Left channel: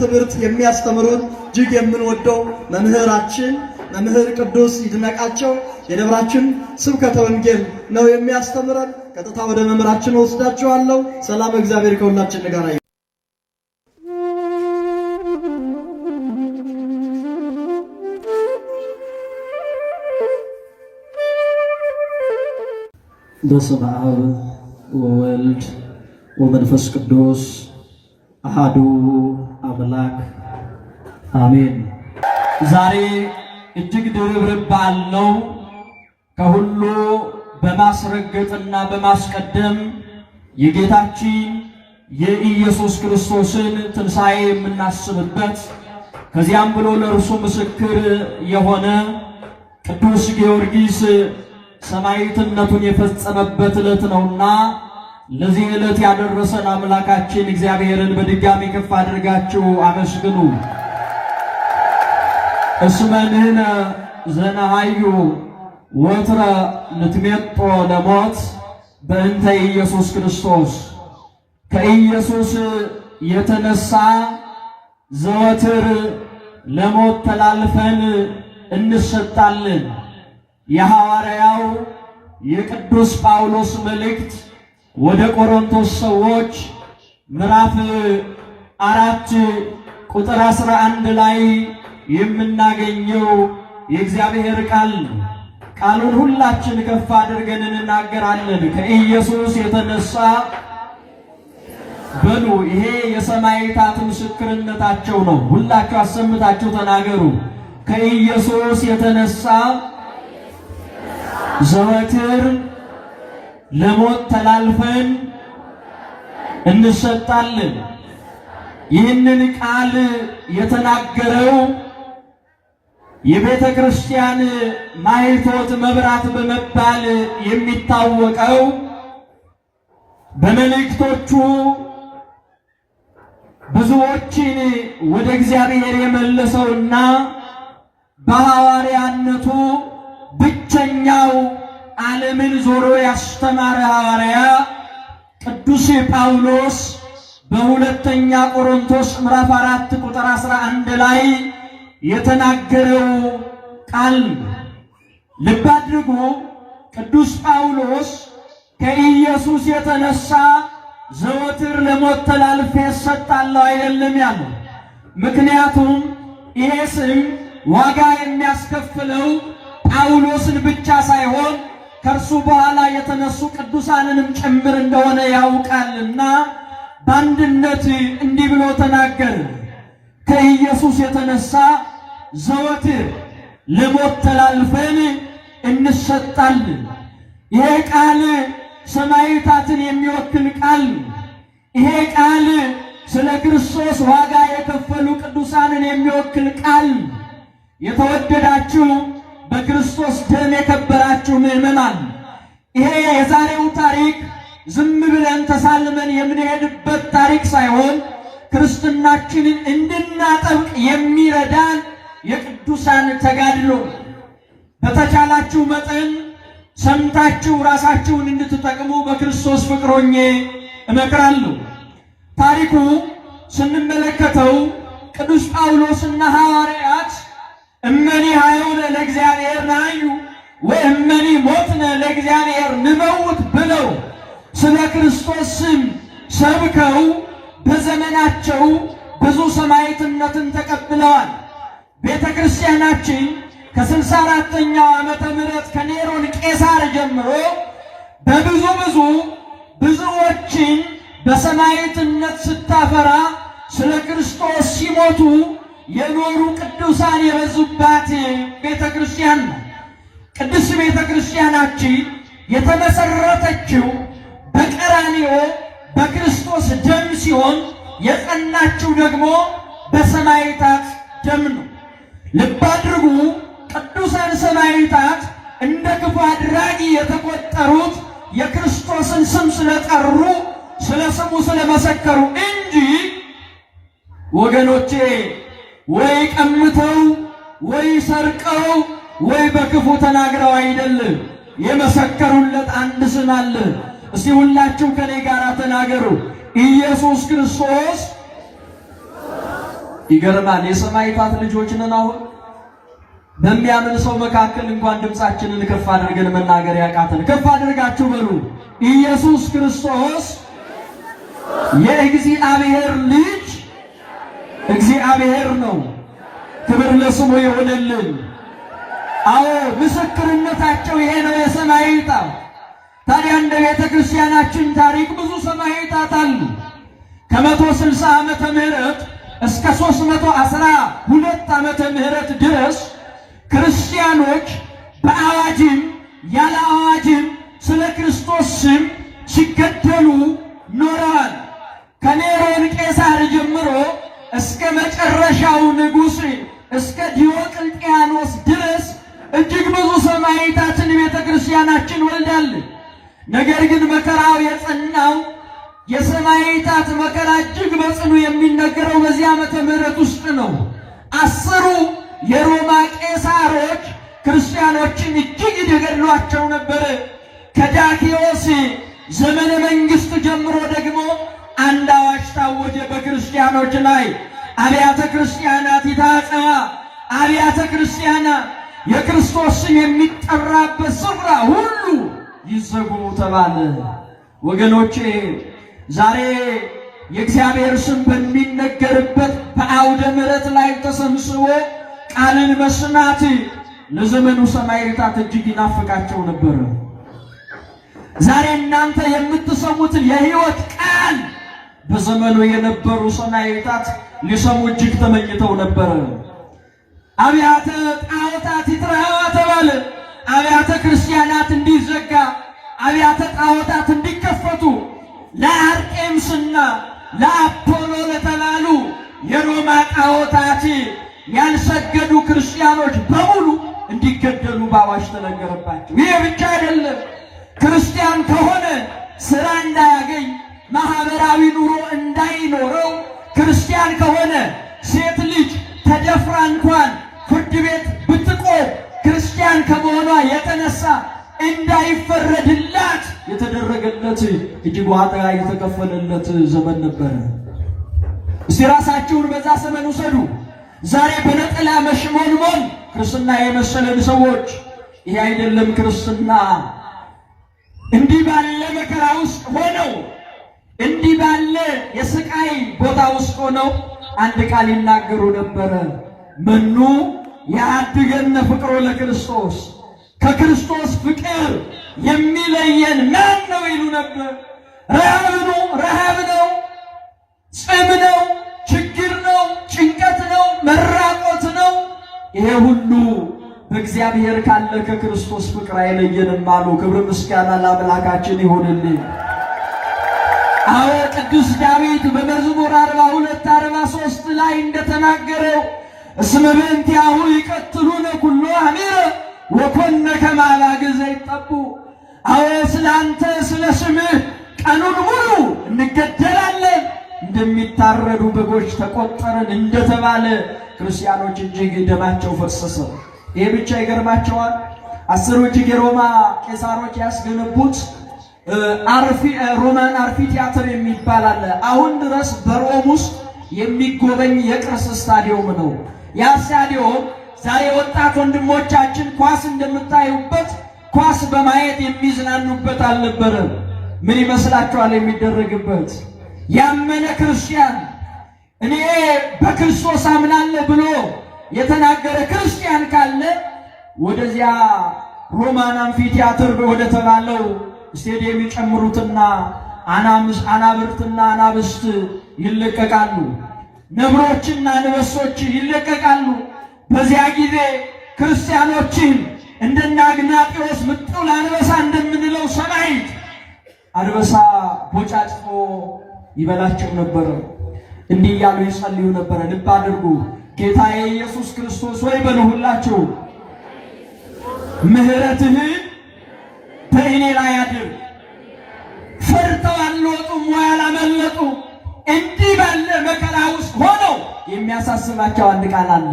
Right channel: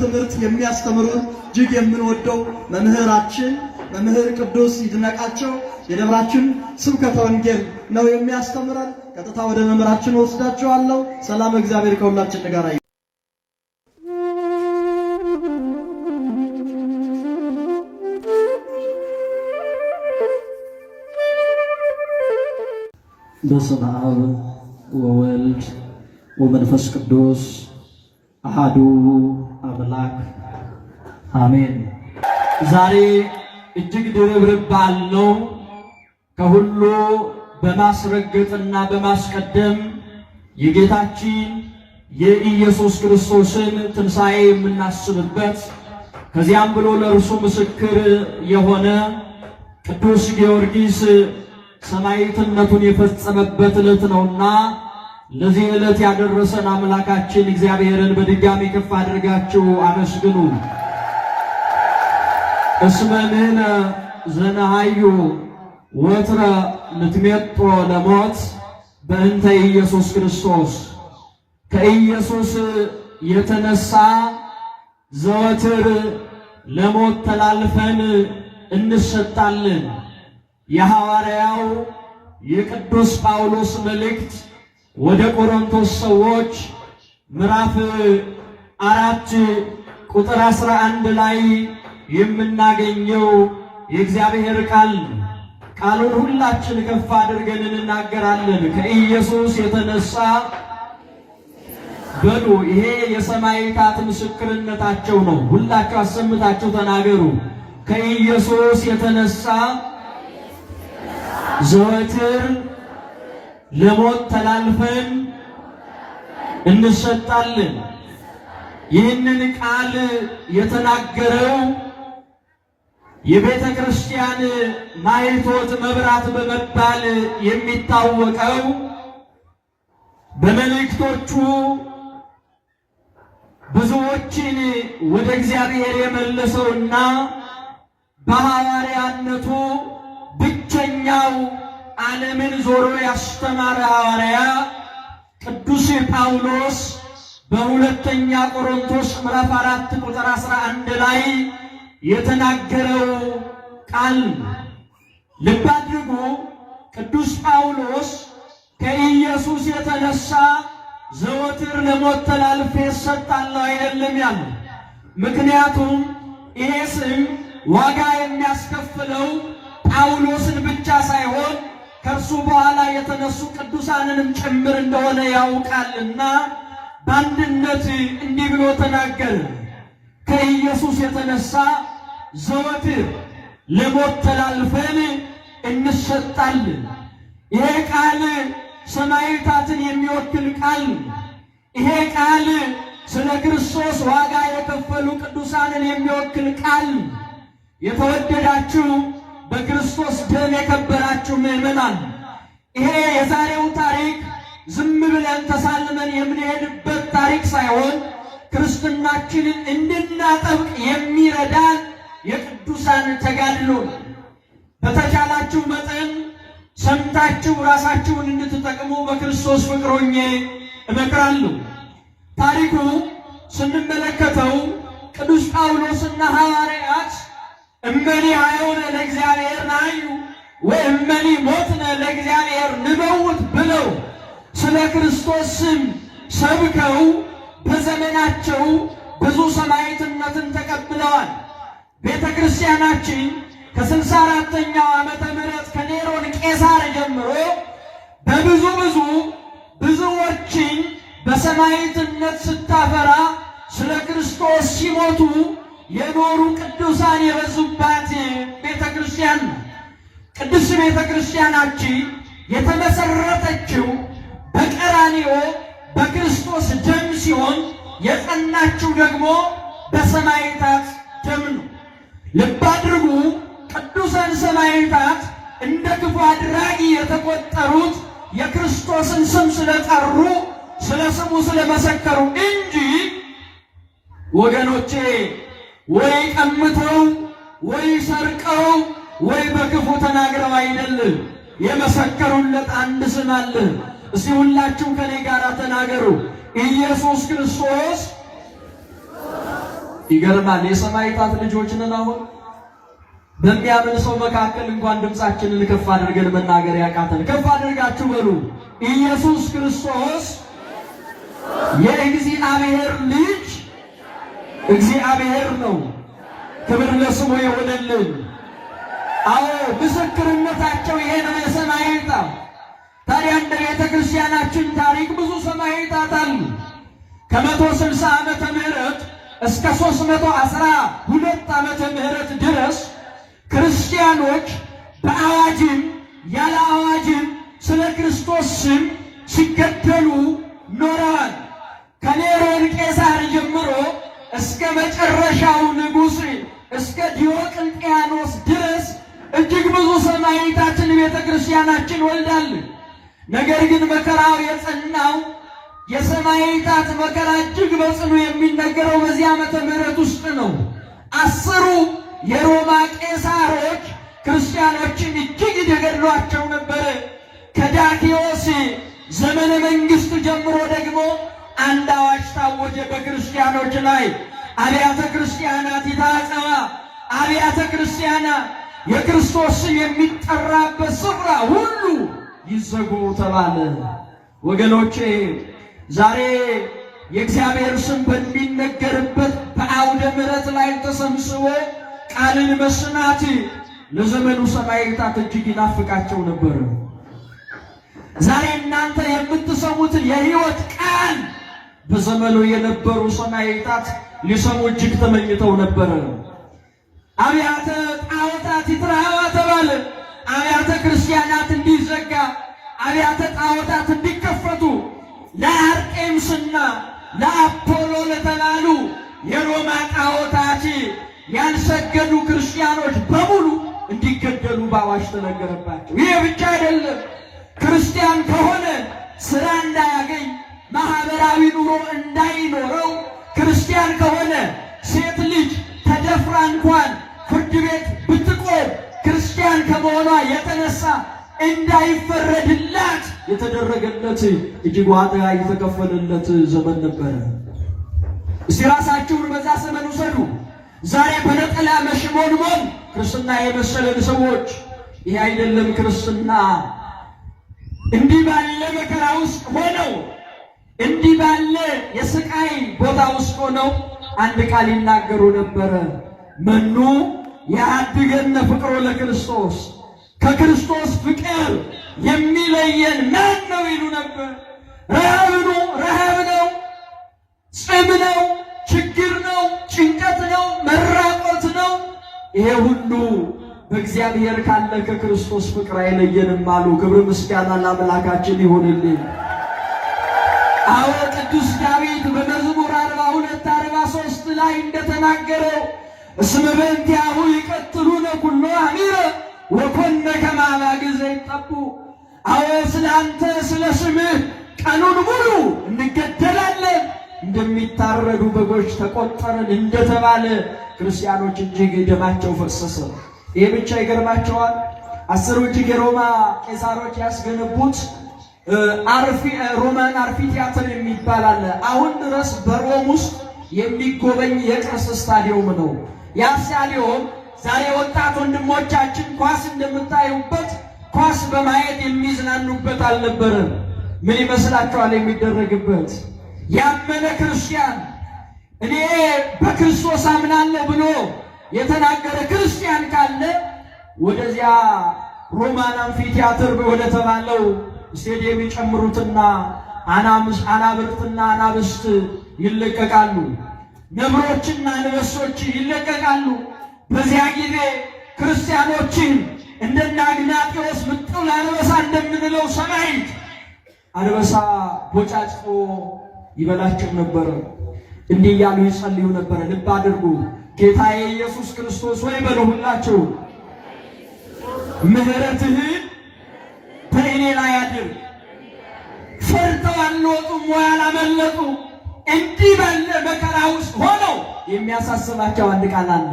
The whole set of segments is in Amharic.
ትምህርት የሚያስተምሩን እጅግ የምንወደው መምህራችን መምህር ቅዱስ ይድነቃቸው የደብራችን ስብከተ ወንጌል ነው የሚያስተምረን። ቀጥታ ወደ መምህራችን ወስዳችኋለሁ። ሰላም እግዚአብሔር ከሁላችን ጋር ይሁን። በስመ አብ ወወልድ ወመንፈስ ቅዱስ አሐዱ አምላክ አሜን። ዛሬ እጅግ ድርብርብ በዓል ነው። ከሁሉ በማስረገጥና በማስቀደም የጌታችን የኢየሱስ ክርስቶስን ትንሣኤ የምናስብበት ከዚያም ብሎ ለእርሱ ምስክር የሆነ ቅዱስ ጊዮርጊስ ሰማዕትነቱን የፈጸመበት ዕለት ነውና ለዚህ ዕለት ያደረሰን አምላካችን እግዚአብሔርን በድጋሚ ከፍ አድርጋችሁ አመስግኑ። እስመ ንሕነ ዘነሃዩ ወትረ ንትሜጦ ለሞት በእንተ ኢየሱስ ክርስቶስ። ከኢየሱስ የተነሳ ዘወትር ለሞት ተላልፈን እንሰጣለን። የሐዋርያው የቅዱስ ጳውሎስ መልእክት ወደ ቆሮንቶስ ሰዎች ምዕራፍ 4 ቁጥር 11 ላይ የምናገኘው የእግዚአብሔር ቃል። ቃሉን ሁላችን ከፍ አድርገን እንናገራለን። ከኢየሱስ የተነሳ በሉ። ይሄ የሰማዕታት ምስክርነታቸው ነው። ሁላችሁ አሰምታችሁ ተናገሩ። ከኢየሱስ የተነሳ ዘወትር ለሞት ተላልፈን እንሰጣለን። ይህንን ቃል የተናገረው የቤተ ክርስቲያን ማኅቶት መብራት በመባል የሚታወቀው በመልእክቶቹ ብዙዎችን ወደ እግዚአብሔር የመለሰውና በሐዋርያነቱ ብቸኛው ዓለምን ዞሮ ያስተማረ ሐዋርያ ቅዱስ ጳውሎስ በሁለተኛ ቆሮንቶስ ምዕራፍ 4 ቁጥር 11 ላይ የተናገረው ቃል። ልብ አድርጉ። ቅዱስ ጳውሎስ ከኢየሱስ የተነሳ ዘወትር ለሞት ተላልፌ እሰጣለሁ አይደለም ያለው። ምክንያቱም ይሄ ስም ዋጋ የሚያስከፍለው ጳውሎስን ብቻ ሳይሆን ከእርሱ በኋላ የተነሱ ቅዱሳንንም ጭምር እንደሆነ ያውቃልና በአንድነት እንዲህ ብሎ ተናገረ። ከኢየሱስ የተነሳ ዘወትር ለሞት ተላልፈን እንሰጣለን። ይሄ ቃል ሰማዕታትን የሚወክል ቃል። ይሄ ቃል ስለ ክርስቶስ ዋጋ የከፈሉ ቅዱሳንን የሚወክል ቃል። የተወደዳችሁ በክርስቶስ ደም የከበራችሁ ምዕመናን፣ ይሄ የዛሬው ታሪክ ዝም ብለን ተሳልመን የምንሄድበት ታሪክ ሳይሆን ክርስትናችንን እንድናጠብቅ የሚረዳን የቅዱሳን ተጋድሎ። በተቻላችሁ መጠን ሰምታችሁ ራሳችሁን እንድትጠቅሙ በክርስቶስ ፍቅር ሆኜ እመክራለሁ። ታሪኩ ስንመለከተው ቅዱስ ጳውሎስና ሐዋርያት እመኒ ኃይሉነ ለእግዚአብሔር ናዩ ወእመኒ ሞትነ ለእግዚአብሔር ንመውት ብለው ስለ ክርስቶስ ስም ሰብከው በዘመናቸው ብዙ ሰማዕትነትን ተቀብለዋል። ቤተ ክርስቲያናችን ከ64ኛው ዓመተ ምህረት ከኔሮን ቄሳር ጀምሮ ብዙዎችን በሰማዕትነት ስታፈራ ስለ ክርስቶስ ሲሞቱ የኖሩ ቅዱሳን የበዙባት ቤተ ክርስቲያን ነው። ቅድስት ቤተ ክርስቲያናችን የተመሰረተችው በቀራንዮ በክርስቶስ ደም ሲሆን የጸናችው ደግሞ በሰማዕታት ደም ነው። ልብ አድርጉ። ቅዱሳን አድራጊ የተቆጠሩት የክርስቶስን ስም ስለጠሩ ስለ ስሙ ስለመሰከሩ እንጂ ወገኖቼ ወይ ቀምተው ወይ ሰርቀው ወይ በክፉ ተናግረው አይደለም። የመሰከሩለት አንድ ስም አለ። እስቲ ሁላችሁ ከኔ ጋር ተናገሩ፣ ኢየሱስ ክርስቶስ። ይገርማል። የሰማዕታት ልጆች ነን። አሁን በሚያምን ሰው መካከል እንኳን ድምፃችንን ከፍ አድርገን መናገር ያቃተን። ከፍ አድርጋችሁ በሉ፣ ኢየሱስ ክርስቶስ የእግዚአብሔር ልጅ እግዚአብሔር ነው። ክብር ለስሙ ይሁንልን። አዎ ምስክርነታቸው ይሄ ነው የሰማዕታት። ታዲያ እንደ ቤተ ክርስቲያናችን ታሪክ ብዙ ሰማዕታት አሉ። ከ160 ዓመተ ምህረት እስከ 312 ዓመተ ምህረት ድረስ ክርስቲያኖች በአዋጅም ያለ አዋጅም ስለ ክርስቶስ ስም ሲገደሉ ኖረዋል። ከኔሮን ቄሳር ጀምሮ እስከ መጨረሻው ንጉሥ እስከ ዲዮቅልጥያኖስ ድረስ እጅግ ብዙ ሰማዕታትን ቤተ ክርስቲያናችን ወልዳለች። ነገር ግን መከራው የጸናው የሰማዕታት መከራ እጅግ በጽኑ የሚነገረው በዚህ ዓመተ ምህረት ውስጥ ነው። 10ሩ የሮማ ቄሳሮች ክርስቲያኖችን እጅግ ይገድሏቸው ነበር። ከዳኪዎስ ዘመነ መንግስት ጀምሮ ደግሞ አንድ አዋጅ ታወጀ በክርስቲያኖች ላይ። አብያተ ክርስቲያናት ይታጸዋ፣ አብያተ ክርስቲያናት የክርስቶስ የሚጠራበት ስፍራ ሁሉ ይዘጉ ተባለ። ወገኖቼ ዛሬ የእግዚአብሔር ስም በሚነገርበት በአውደ ምሕረት ላይ ተሰብስቦ ቃልን መስማት ለዘመኑ ሰማዕታት እጅግ ይናፍቃቸው ነበር። ዛሬ እናንተ የምትሰሙት የሕይወት ቃል በዘመኑ የነበሩ ሰማዕታት ሊሰሙ እጅግ ተመኝተው ነበር። አብያተ ጣዖታት ይትረሃዋ ተባለ። አብያተ ክርስቲያናት እንዲዘጋ፣ አብያተ ጣዖታት እንዲከፈቱ፣ ለአርጤምስና ለአፖሎ ለተባሉ የሮማ ጣዖታት ያልሰገዱ ክርስቲያኖች በሙሉ እንዲገደሉ በአዋጅ ተነገረባቸው። ይህ ብቻ አይደለም። ክርስቲያን ከሆነ ስራ እንዳያገኝ፣ ማህበራዊ ኑሮ እንዳይኖረው፣ ክርስቲያን ከሆነ ሴት ልጅ ተደፍራ እንኳን ፍርድ ቤት ብትቆም ክርስቲያን ከመሆኗ የተነሳ እንዳይፈረድላት የተደረገለት እጅግ ዋጋ የተከፈለለት ዘመን ነበረ። እስቲ ራሳችሁን በዛ ዘመን ውሰዱ። ዛሬ በነጠላ መሽሞንሞን ክርስትና የመሰለን ሰዎች ይሄ አይደለም ክርስትና። እንዲህ ባለ መከራ ውስጥ ሆነው እንዲህ ባለ የስቃይ ቦታ ውስጥ ሆነው አንድ ቃል ይናገሩ ነበረ። መኑ ያድገነ ፍቅሮ ለክርስቶስ፣ ከክርስቶስ ፍቅር የሚለየን ማን ነው ይሉ ነበር። ረሃብ ነው፣ ረሃብ ነው፣ ጽም ነው፣ ችግር ነው፣ ጭንቀት ነው፣ መራቆት ነው። ይሄ ሁሉ በእግዚአብሔር ካለ ከክርስቶስ ፍቅር አይለየንም አሉ። ክብር ምስጋና ለአምላካችን ይሁንልን። አዎ ቅዱስ ዳዊት በመዝሙር 42:43 ላይ እንደተናገረው እስመ በእንቲአሁ ይቀትሉነ ኩሎ ሐሚረ ወኮነ ከመ አባግዕ ይጠቡ። አዎ ስላንተ ስለ ስምህ ቀኑን ሙሉ እንገደላለን፣ እንደሚታረዱ በጎች ተቆጠርን እንደተባለ ክርስቲያኖች እጅግ ደማቸው ፈሰሰ። ይሄ ብቻ ይገርማቸዋል። 10ሩ እጅግ የሮማ ቄሳሮች ያስገነቡት ሮማን አምፊቲያትር የሚባል አለ። አሁን ድረስ በሮም ውስጥ የሚጎበኝ የቅርስ ስታዲየም ነው። ያ ስታዲየም ዛሬ ወጣት ወንድሞቻችን ኳስ እንደምታዩበት ኳስ በማየት የሚዝናኑበት አልነበረም። ምን ይመስላችኋል የሚደረግበት? ያመነ ክርስቲያን እኔ በክርስቶስ አምናለሁ ብሎ የተናገረ ክርስቲያን ካለ ወደዚያ ሮማን አምፊቲያትር ወደ ተባለው ስቴዲየም ይጨምሩትና አናብርትና አናብስት ይለቀቃሉ፣ ነብሮችና አንበሶች ይለቀቃሉ። በዚያ ጊዜ ክርስቲያኖችን እንደና አግናጢዎስ ምጡል አንበሳ እንደምንለው ሰማዕት አንበሳ ቦጫጭቆ ይበላቸው ነበር። እንዲህ እያሉ ይጸልዩ ነበር። ልብ አድርጉ። ጌታዬ ኢየሱስ ክርስቶስ ወይ በሉ ሁላችሁ ምሕረትህን የሚያሳስባቸው አንድ ቃል አለ፣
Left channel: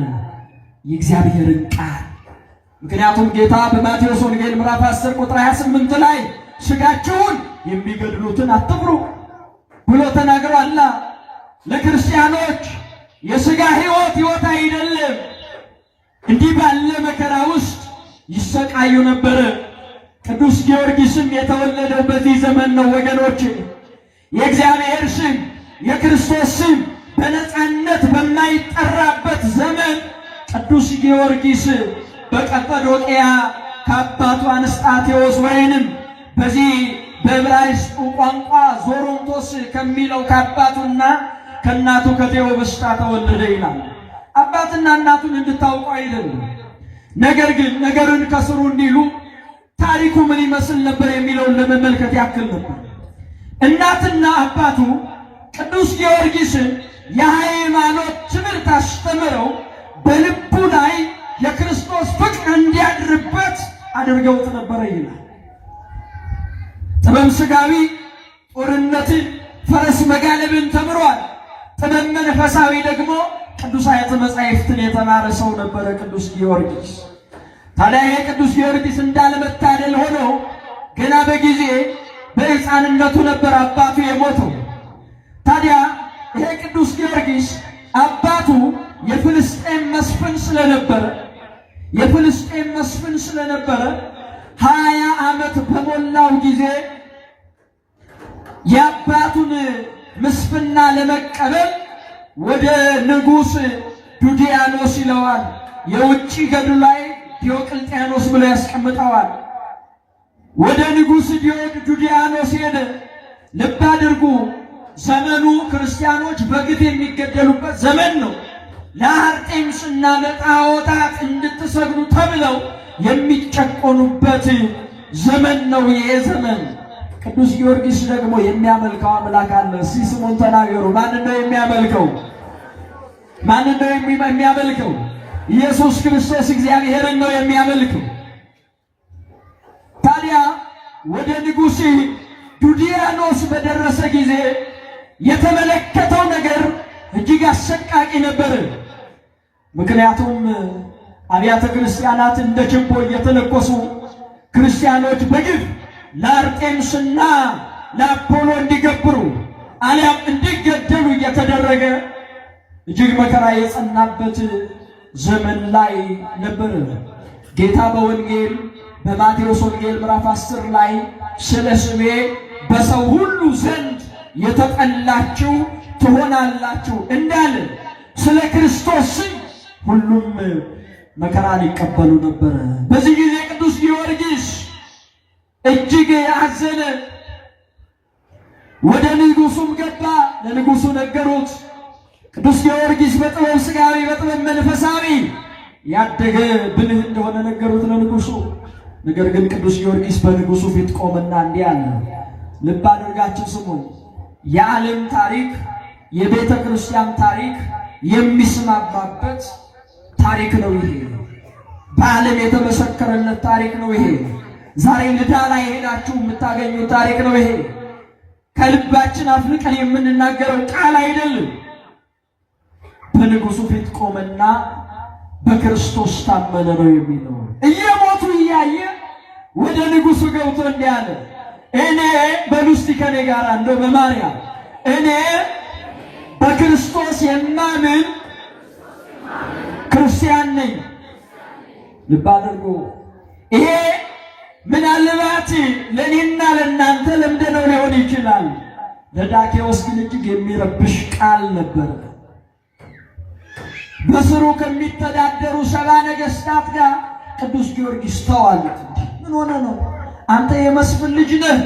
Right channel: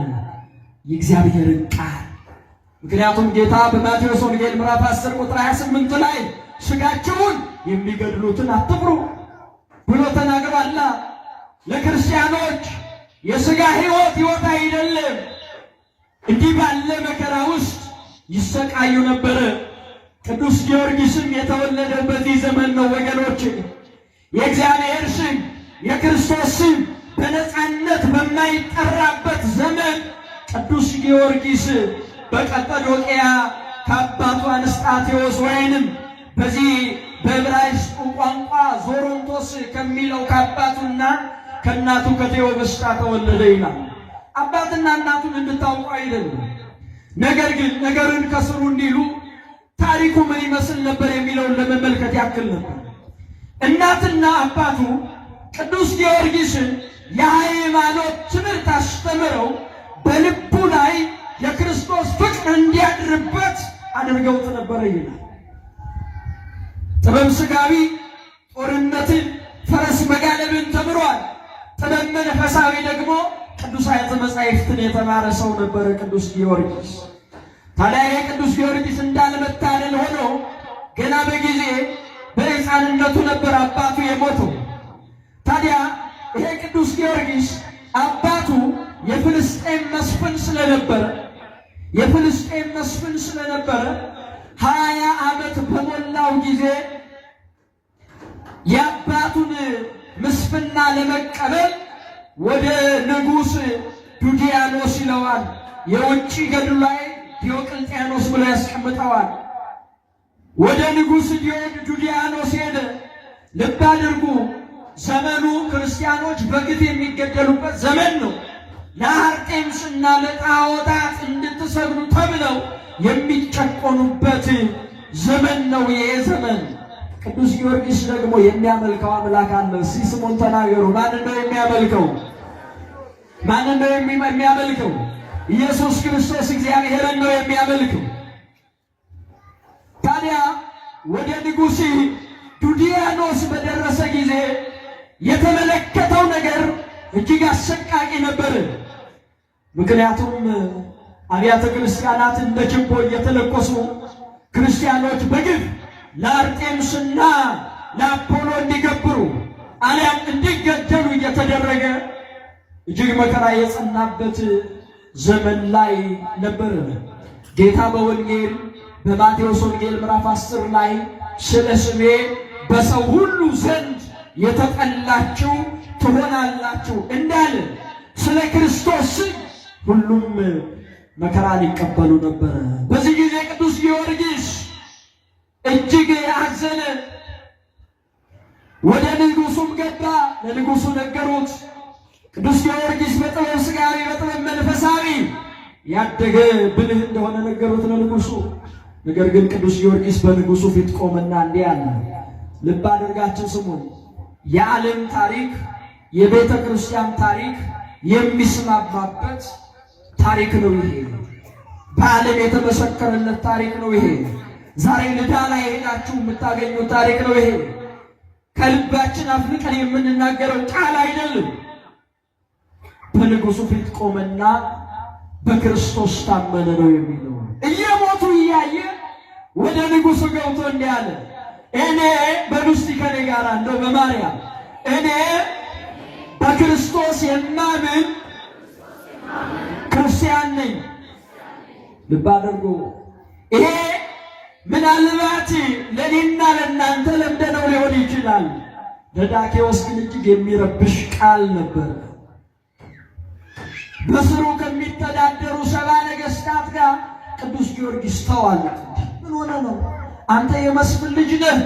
የእግዚአብሔርን ቃል። ምክንያቱም ጌታ በማቴዎስ ወንጌል ምዕራፍ 10 ቁጥር 28 ላይ ሥጋቸውን የሚገድሉትን አትፍሩ ብሎ ተናግሯል። ለክርስቲያኖች የሥጋ ሕይወት አይደለም። እንዲህ ባለ መከራ ውስጥ ይሰቃዩ ነበር። ቅዱስ ጊዮርጊስም የተወለደው በዚህ ዘመን ነው። ወገኖች የእግዚአብሔር ስም የክርስቶስ ስም በነፃነት በማይጠራበት ዘመን ቅዱስ ጊዮርጊስ በቀጰዶቅያ ከአባቱ አንስጣቴዎስ ወይንም በዚህ በዕብራይስጡ ቋንቋ ዞሮንቶስ ከሚለው ከአባቱና ከእናቱ ከቴዎብስታ ተወለደ ይላል። አባትና እናቱን እንድታውቁ አይደለም። ነገር ግን ነገሩን ከስሩ እንዲሉ ታሪኩ ምን ይመስል ነበር የሚለውን ለመመልከት ያክል ነበር። እናትና አባቱ ቅዱስ ጊዮርጊስን የሃይማኖት ትምህርት አስተምረው በልቡ ላይ የክርስቶስ ፍቅር እንዲያድርበት አድርገውት ነበረ ይላል። ጥበብ ሥጋዊ ጦርነትን፣ ፈረስ መጋለብን ተምሯል። ጥበብ መንፈሳዊ ደግሞ ቅዱሳት መጻሕፍትን የተማረ ሰው ነበረ ቅዱስ ጊዮርጊስ። ታዲያ የቅዱስ ጊዮርጊስ እንዳለመታደል ሆኖ ገና በጊዜ በሕፃንነቱ ነበር አባቱ የሞተው። ታዲያ ይሄ ቅዱስ ጊዮርጊስ አባቱ የፍልስጤም መስፍን ስለነበረ 20 ዓመት በሞላው ጊዜ የአባቱን ምስፍና ለመቀበል ወደ ንጉሥ ዱዲያኖስ ይለዋል። የውጭ ገድሉ ላይ ዲዮቅልጥያኖስ ብሎ ያስቀምጠዋል። ወደ ንጉሥ ዱዲያኖስ ሄደ። ልብ አድርጉ፣ ዘመኑ ክርስቲያኖች በግፍ የሚገደሉበት ዘመን ነው። ለአርጤምስና ለጣዖታት እንድትሰግዱ ተብለው የሚጨቆኑበት ዘመን ነው ይሄ ዘመን። ቅዱስ ጊዮርጊስ ደግሞ የሚያመልከው አምላክ አለ። እስኪ ስሙን ተናገሩ። ማንን ነው የሚያመልከው? የሚያመልከው ኢየሱስ ክርስቶስ እግዚአብሔርን ነው የሚያመልከው። ታዲያ ወደ ንጉሥ ዱዲያኖስ በደረሰ ጊዜ የተመለከተው ነገር እጅግ አሰቃቂ ነበር። ምክንያቱም አብያተ ክርስቲያናት እንደ ችቦ እየተለኮሱ ክርስቲያኖች በግፍ ለአርጤምስና ለአፖሎ እንዲገብሩ አሊያም እንዲገደሉ እየተደረገ እጅግ መከራ የጸናበት ዘመን ላይ ነበር። ጌታ በወንጌል በማቴዎስ ወንጌል ምዕራፍ 10 ላይ ስለ ስሜ በሰው ሁሉ ዘንድ የተጠላችሁ ትሆናላችሁ እንዳለ ስለ ክርስቶስ ሁሉም መከራን ይቀበሉ ነበር። በዚህ ጊዜ ቅዱስ ጊዮርጊስ እጅግ ያዘነ። ወደ ንጉሡም ገባ። ለንጉሡ ነገሩት። ቅዱስ ጊዮርጊስ በጥበብ ሥጋዊ በጥበብ መንፈሳዊ ያደገ ብልህ እንደሆነ ነገሩት ለንጉሡ። ነገር ግን ቅዱስ ጊዮርጊስ በንጉሡ ፊት ቆመና እንዲህ አለ። ልብ አድርጋችሁ ስሙ። የዓለም ታሪክ፣ የቤተ ክርስቲያን ታሪክ የሚስማማበት ታሪክ ነው ይሄ። በዓለም የተመሰከረለት ታሪክ ነው ይሄ። ዛሬ ልዳ ላይ ሄዳችሁ የምታገኙት ታሪክ ነው ይሄ። ከልባችን አፍልቀን የምንናገረው ቃል አይደለም። በንጉሡ ፊት ቆመና በክርስቶስ ታመነ ነው የሚለው። እየሞቱ እያየ ወደ ንጉሡ ገብቶ እንዲህ አለ። እኔ በሉስቲ ከኔ ጋር እንደው በማርያም እኔ በክርስቶስ የማምን ክርስቲያን ነኝ። ልብ አድርጉ። ይሄ ምናልባት ለእኔና ለእናንተ ለምደነው ሊሆን ይችላል። ለዳኬዎስ ግን እጅግ የሚረብሽ ቃል ነበር። በስሩ ከሚተዳደሩ 70 ነገሥታት ጋር ቅዱስ ጊዮርጊስ ተዋልኩ። ምን ሆነ ነው? አንተ የመስፍን ልጅ ነህ፣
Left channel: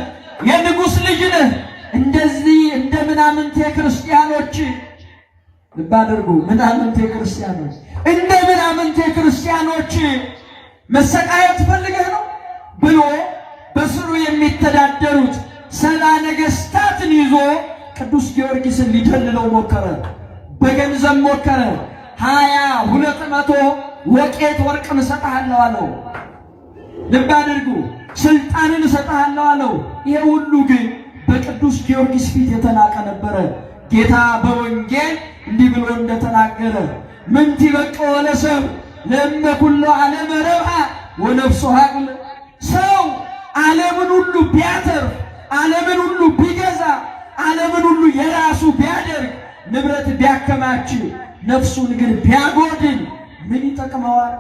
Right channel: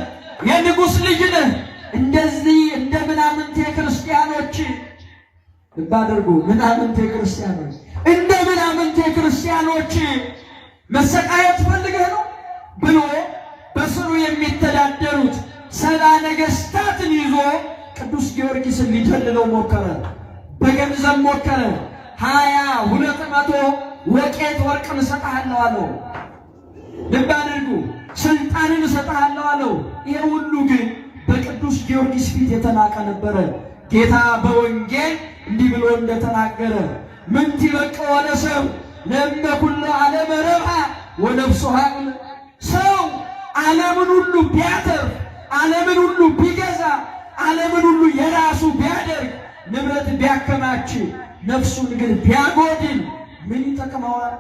የንጉሥ ልጅ ነህ። እንደዚህ እንደ ምናምንቴ ክርስቲያኖች ልብ አድርጉ፣ ምናምንቴ ክርስቲያኖች እንደ ምናምንቴ ክርስቲያኖች መሰቃየት ፈልገህ ነው ብሎ በስሩ የሚተዳደሩት 70 ነገሥታትን ይዞ ቅዱስ ጊዮርጊስን ሊደልለው ሞከረ። በገንዘብ ሞከረ። 200 ወቄት ወርቅ እሰጥሃለሁ አለው። ልብ አድርጉ፣ ስልጣንን እሰጥሃለሁ አለው። ይሄ ሁሉ ግን በቅዱስ ጊዮርጊስ ፊት የተናቀ ነበረ። ጌታ በወንጌል እንዲህ ብሎ እንደተናገረ ምን ይበቀው ለሰው ለእመ ኩሉ ዓለም ረብሐ ወነፍሱ ሀቅሉ። ሰው ዓለምን ሁሉ ቢያተርፍ ዓለምን ሁሉ ቢገዛ ዓለምን ሁሉ የራሱ ቢያደርግ ንብረት ቢያከማች ነፍሱን ግን ቢያጎድል ምን ይጠቅመዋል?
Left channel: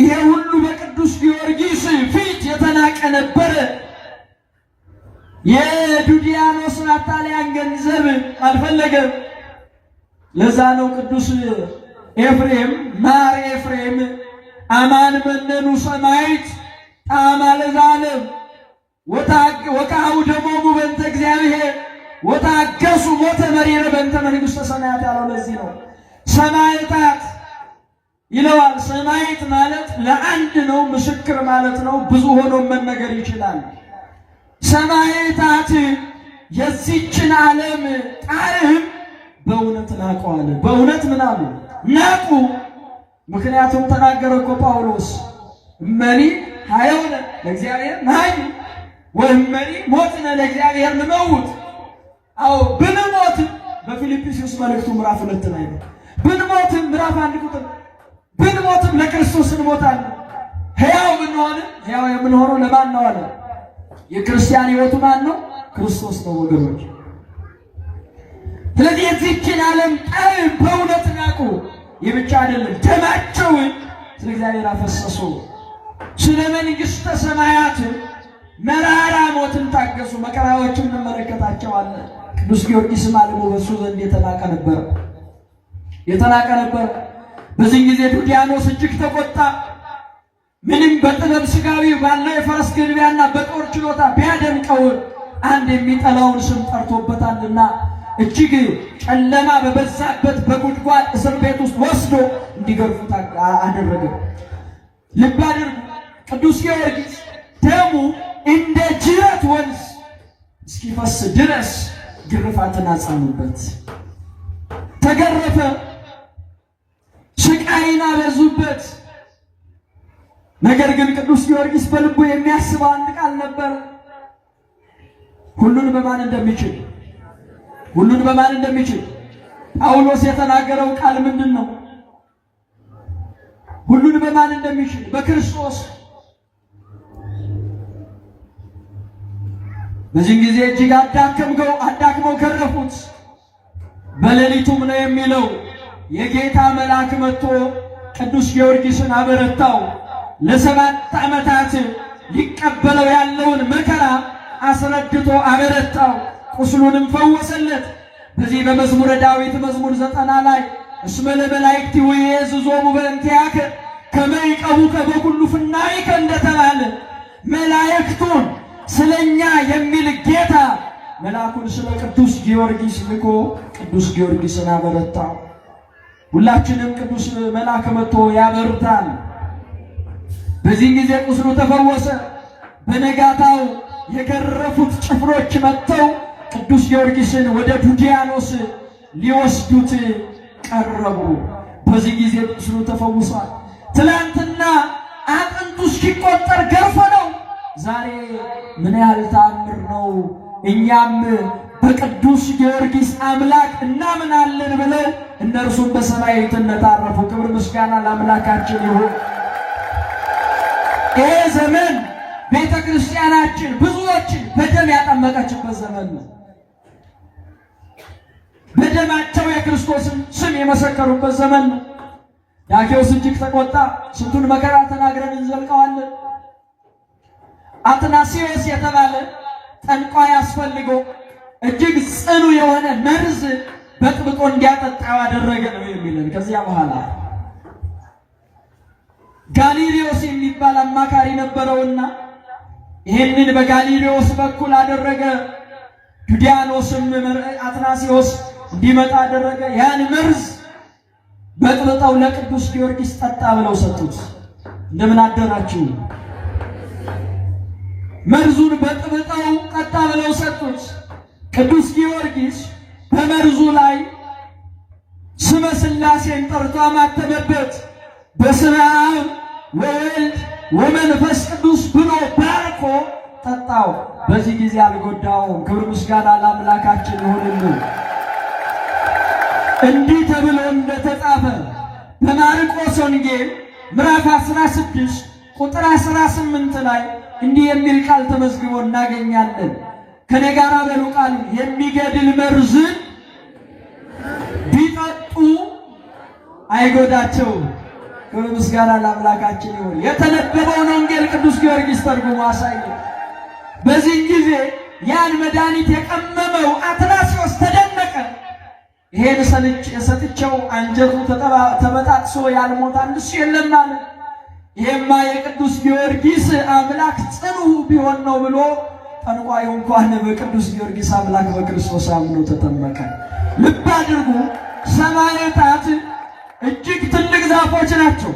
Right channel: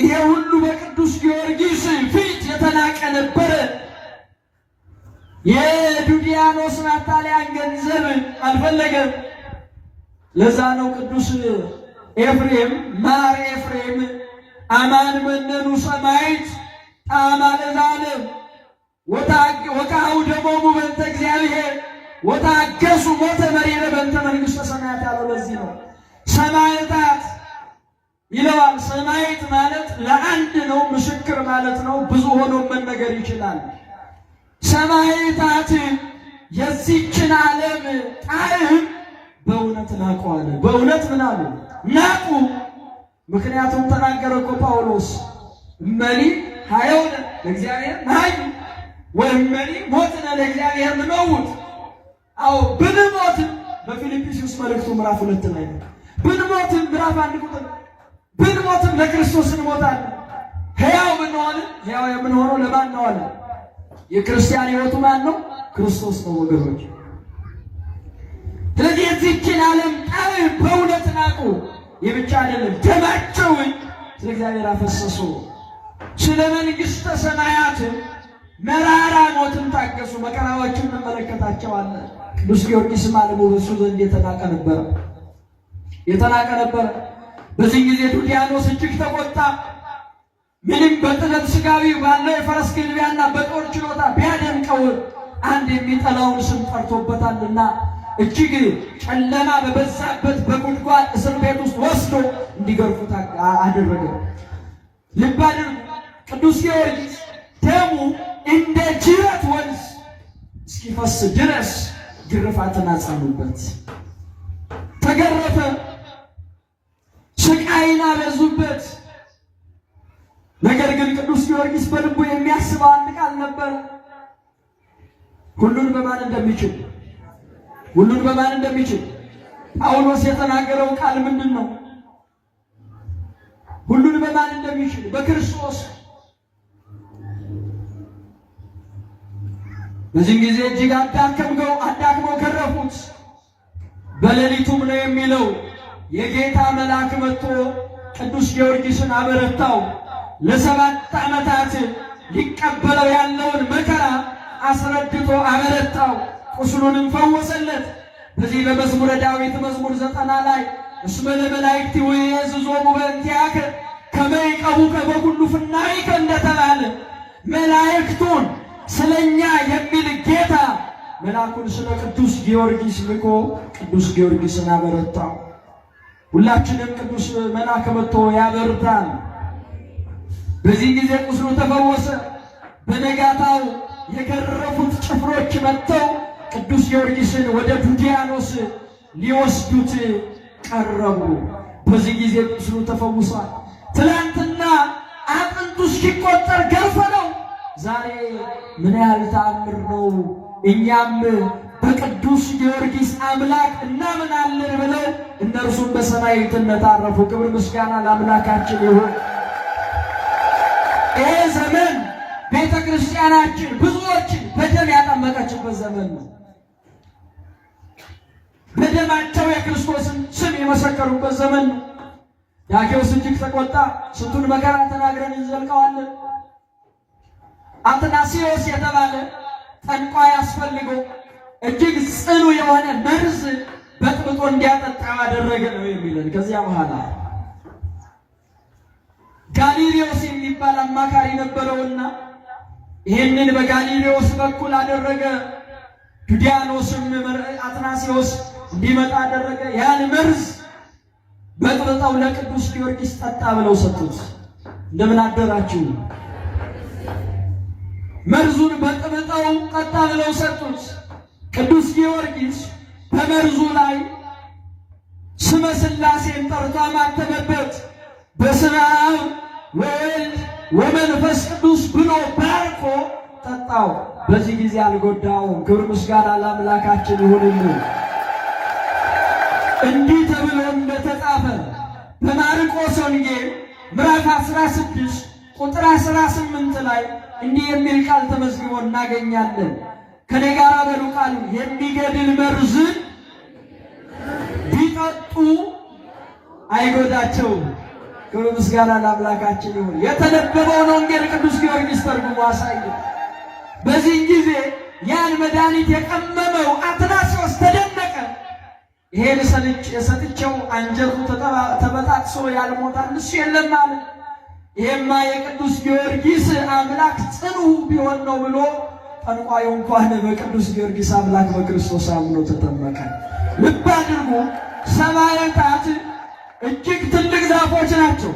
ይሄ ሁሉ በቅዱስ ጊዮርጊስ ፊት የተናቀ ነበረ። የዱዲያኖስ አታላያን ገንዘብ አልፈለገም። ለዛ ነው ቅዱስ ኤፍሬም ማር ኤፍሬም አማን መነኑ ሰማይት ጣዕመ ለዘላለም ወቃው ደሞሙ በእንተ እግዚአብሔር ወታገሱ ሞተ መሪረ በእንተ መንግሥተ ሰማያት ያለው ለዚህ ነው። ሰማዕታት ይለዋል። ሰማዕት ማለት ለአንድ ነው፣ ምስክር ማለት ነው። ብዙ ሆኖ መነገር ይችላል። ሰማዕታት የዚችን ዓለም ጣዕም በእውነት ናቁ። በእውነት ምን አሉ? ናቁ። ምክንያቱም ተናገረ እኮ ጳውሎስ እመኒ ሀየውነ ለእግዚአብሔር ነሐዩ ወእመኒ ሞትነ ለእግዚአብሔር ንመውት። አዎ ብንሞትም በፊልጵስዩስ መልእክቱ ምዕራፍ 2 ላይ ብንሞትም ምዕራፍ 1 ቁጥር ብንሞትም ለክርስቶስ እንሞታለን። ሕያው ብንሆንም ሕያው የምንሆነው ለማን ነው አለ? የክርስቲያን ሕይወቱ ማን ነው? ክርስቶስ ነው ወገኖች። ስለዚህ የዚህችን ዓለም ጣዕም በእውነት ናቁ። ይህ ብቻ አይደለም፣ ደማቸውን ስለ እግዚአብሔር አፈሰሱ። ስለ መንግሥተ ሰማያት መራራ ሞትን ታገሱ። መከራዎችን እንመለከታቸዋለን። ቅዱስ ጊዮርጊስም ዓለሙ በእሱ ዘንድ የተናቀ ነበር። በዚህ ጊዜ ዱዲያኖስ እጅግ ተቆጣ። ምንም በጥበብ ሥጋዊ ባለው የፈረስ ግልቢያና በጦር ችሎታ ቢያደምቀው አንድ የሚጠላውን ስም ጠርቶበታልና እጅግ ጨለማ በበዛበት በጉድጓድ እስር ቤት ውስጥ ወስዶ እንዲገርፉት አደረገ። ልብ አድርጉ። ቅዱስ ጊዮርጊስ ደሙ እንደ ጅረት ወንዝ እስኪፈስ ድረስ ግርፋትን አጸኑበት። ተገረፈ፣ ስቃይን አበዙበት። ነገር ግን ቅዱስ ጊዮርጊስ በልቡ የሚያስበው አንድ ቃል ነበር። ሁሉን በማን እንደሚችል ጳውሎስ የተናገረው ቃል ምንድን ነው? ሁሉን በማን እንደሚችል በክርስቶስ። በዚህም ጊዜ እጅግ አዳክመው ገረፉት። በሌሊቱም ነው የሚለው የጌታ መልአክ መጥቶ ቅዱስ ጊዮርጊስን አበረታው። ለ7 ዓመታት ሊቀበለው ያለውን መከራ አስረድቶ አበረታው፣ ቁስሉንም ፈወሰለት። በዚህ በመዝሙረ ዳዊት መዝሙር 90 ላይ እስመ ለመላእክቲሁ ይእዝዞሙ በእንቲአከ ከመ ይቀቡከ በኩሉ ፍናዊከ እንደተባለ መላእክቱን ስለኛ የሚል ጌታ መልአኩን ስለ ቅዱስ ጊዮርጊስ ልኮ ቅዱስ ጊዮርጊስን ያበረታው። ሁላችንም ቅዱስ መልአክ መጥቶ ያበርታል። በዚህ ጊዜ ቁስሉ ተፈወሰ። በነጋታው የገረፉት ጭፍሮች መጥተው ቅዱስ ጊዮርጊስን ወደ ዱዲያኖስ ሊወስዱት ቀረቡ። በዚህ ጊዜ ቁስሉ ተፈውሷል። ትላንትና አጥንቱ እስኪቆጠር ገርፎ ነው። ዛሬ ምን ያህል ተአምር ነው! እኛም በቅዱስ ጊዮርጊስ አምላክ እናምናለን ብለን እነርሱም በሰማዕትነት አረፉ። ክብር ምስጋና ለአምላካችን ይሁን። ይህ ዘመን ቤተ ክርስቲያናችን ብዙዎችን በደም ያጠመቀችበት ዘመን ነው። በደማቸው የክርስቶስን ስም የመሰከሩበት ዘመን ነው። ዳኬዎስ እጅግ ተቆጣ። ስንቱን መከራ ተናግረን እንዘልቀዋለን። አትናሲዮስ የተባለ ጠንቋይ አስፈልገው እጅግ ጽኑ የሆነ መርዝ በጥብጦ እንዲያጠጣው ያደረገ ነው የሚለን። ከዚያ በኋላ ጋሊሌዎስ የሚባል አማካሪ ነበረውና ይህንን በጋሊሌዎስ በኩል አደረገ። ዱዲያኖስም አትናሲዮስ እንዲመጣ አደረገ። ያን መርዝ በጥብጠው ለቅዱስ ጊዮርጊስ ጠጣ ብለው ሰጡት። እንደምን አደራችሁ? መርዙን በጥብጠው ጠጣ ብለው ሰጡት። ቅዱስ ጊዮርጊስ በመርዙ ላይ ስመ ሥላሴን ጠርቶ አማተመበት። በስመ አብ ወወልድ ወመንፈስ ቅዱስ ብሎ ባርኮ ጠጣው። በዚህ ጊዜ አልጎዳውም። ክብር ምስጋና ለአምላካችን ይሁንልን። እንዲህ ተብሎ እንደተጻፈ በማርቆስ ወንጌል ምዕራፍ 16 ቁጥር 18 ላይ እንዲህ የሚል ቃል ተመዝግቦ እናገኛለን። ከኔ ጋር በሉ ቃሉ የሚገድል መርዝን ቢጠጡ አይጎዳቸውም። ክብር ምስጋና ለአምላካችን ይሁን። የተነበበውን ወንጌል ቅዱስ ጊዮርጊስ ተርጉሞ አሳየ። በዚህ ጊዜ ያን መድኃኒት የቀመመው አትናስዮስ ተደነቀ። ይሄን ሰጥቼው አንጀቱ ተበጣጥሶ ያልሞተ አንድስ የለም አለ። ይሄማ የቅዱስ ጊዮርጊስ አምላክ ጽኑ ቢሆን ነው ብሎ ጠንቋዩ እንኳን በቅዱስ ጊዮርጊስ አምላክ በክርስቶስ አምኖ ተጠመቀ። ልብ አድርጉ። ሰማዕታት እጅግ ትልቅ ዛፎች ናቸው።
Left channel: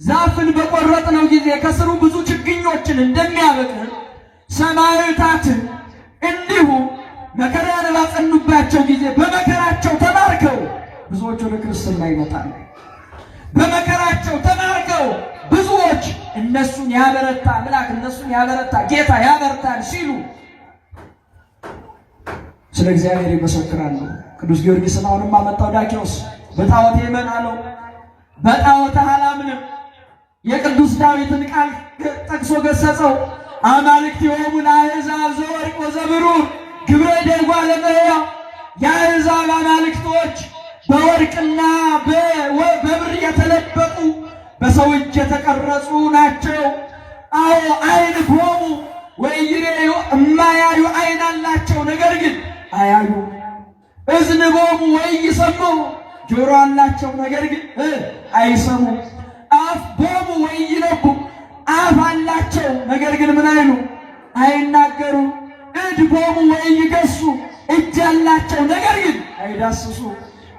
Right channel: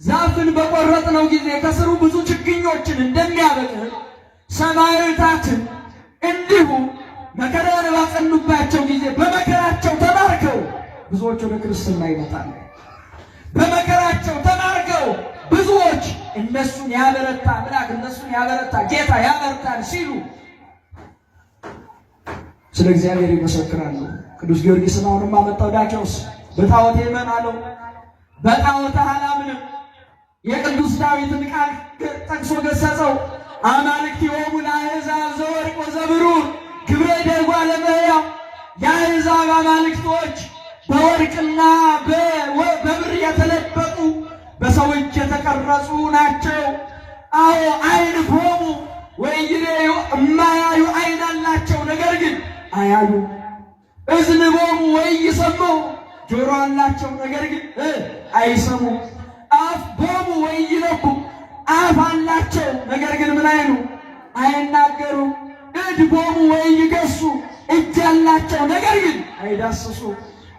ዛፍን በቆረጥነው ጊዜ ከስሩ ብዙ ችግኞችን እንደሚያበቅሉ ሰማዕታትን እንዲሁ መከራን ባጸኑባቸው ጊዜ በመከራቸው ተማርከው ብዙዎች ወደ ክርስትና ይመጣሉ። በመከራቸው ተማርከው ብዙዎች እነሱን ያበረታ አምላክ፣ እነሱን ያበረታ ጌታ ያበረታል ሲሉ ስለ እግዚአብሔር ይመሰክራሉ። ቅዱስ ጊዮርጊስን አሁንም አመጣው ዳኪዎስ በጣዖት ይመናለው፣ በጣዖት አላምንም። የቅዱስ ዳዊትን ቃል ጠቅሶ ገሰጸው። አማልክቲሆሙ ለአሕዛብ ዘወርቅ ወዘብሩር ግብረ ደጓ ለመሕያው። የአሕዛብ አማልክቶች በወርቅና በብር የተለበጡ በሰው እጅ የተቀረጹ ናቸው። አዎ አይንሆሙ ወኢይሬዩ እማያዩ አይን አላቸው፣ ነገር ግን አያዩ። እዝንሆሙ ወኢይሰምዑ ጆሮ አላቸው፣ ነገር ግን አይሰሙ። አፍሆሙ ወኢይነብቡ አፍ አላቸው፣ ነገር ግን ምን አይሉ አይናገሩ። እድሆሙ ወኢይገሡ እጅ አላቸው፣ ነገር ግን አይዳስሱ።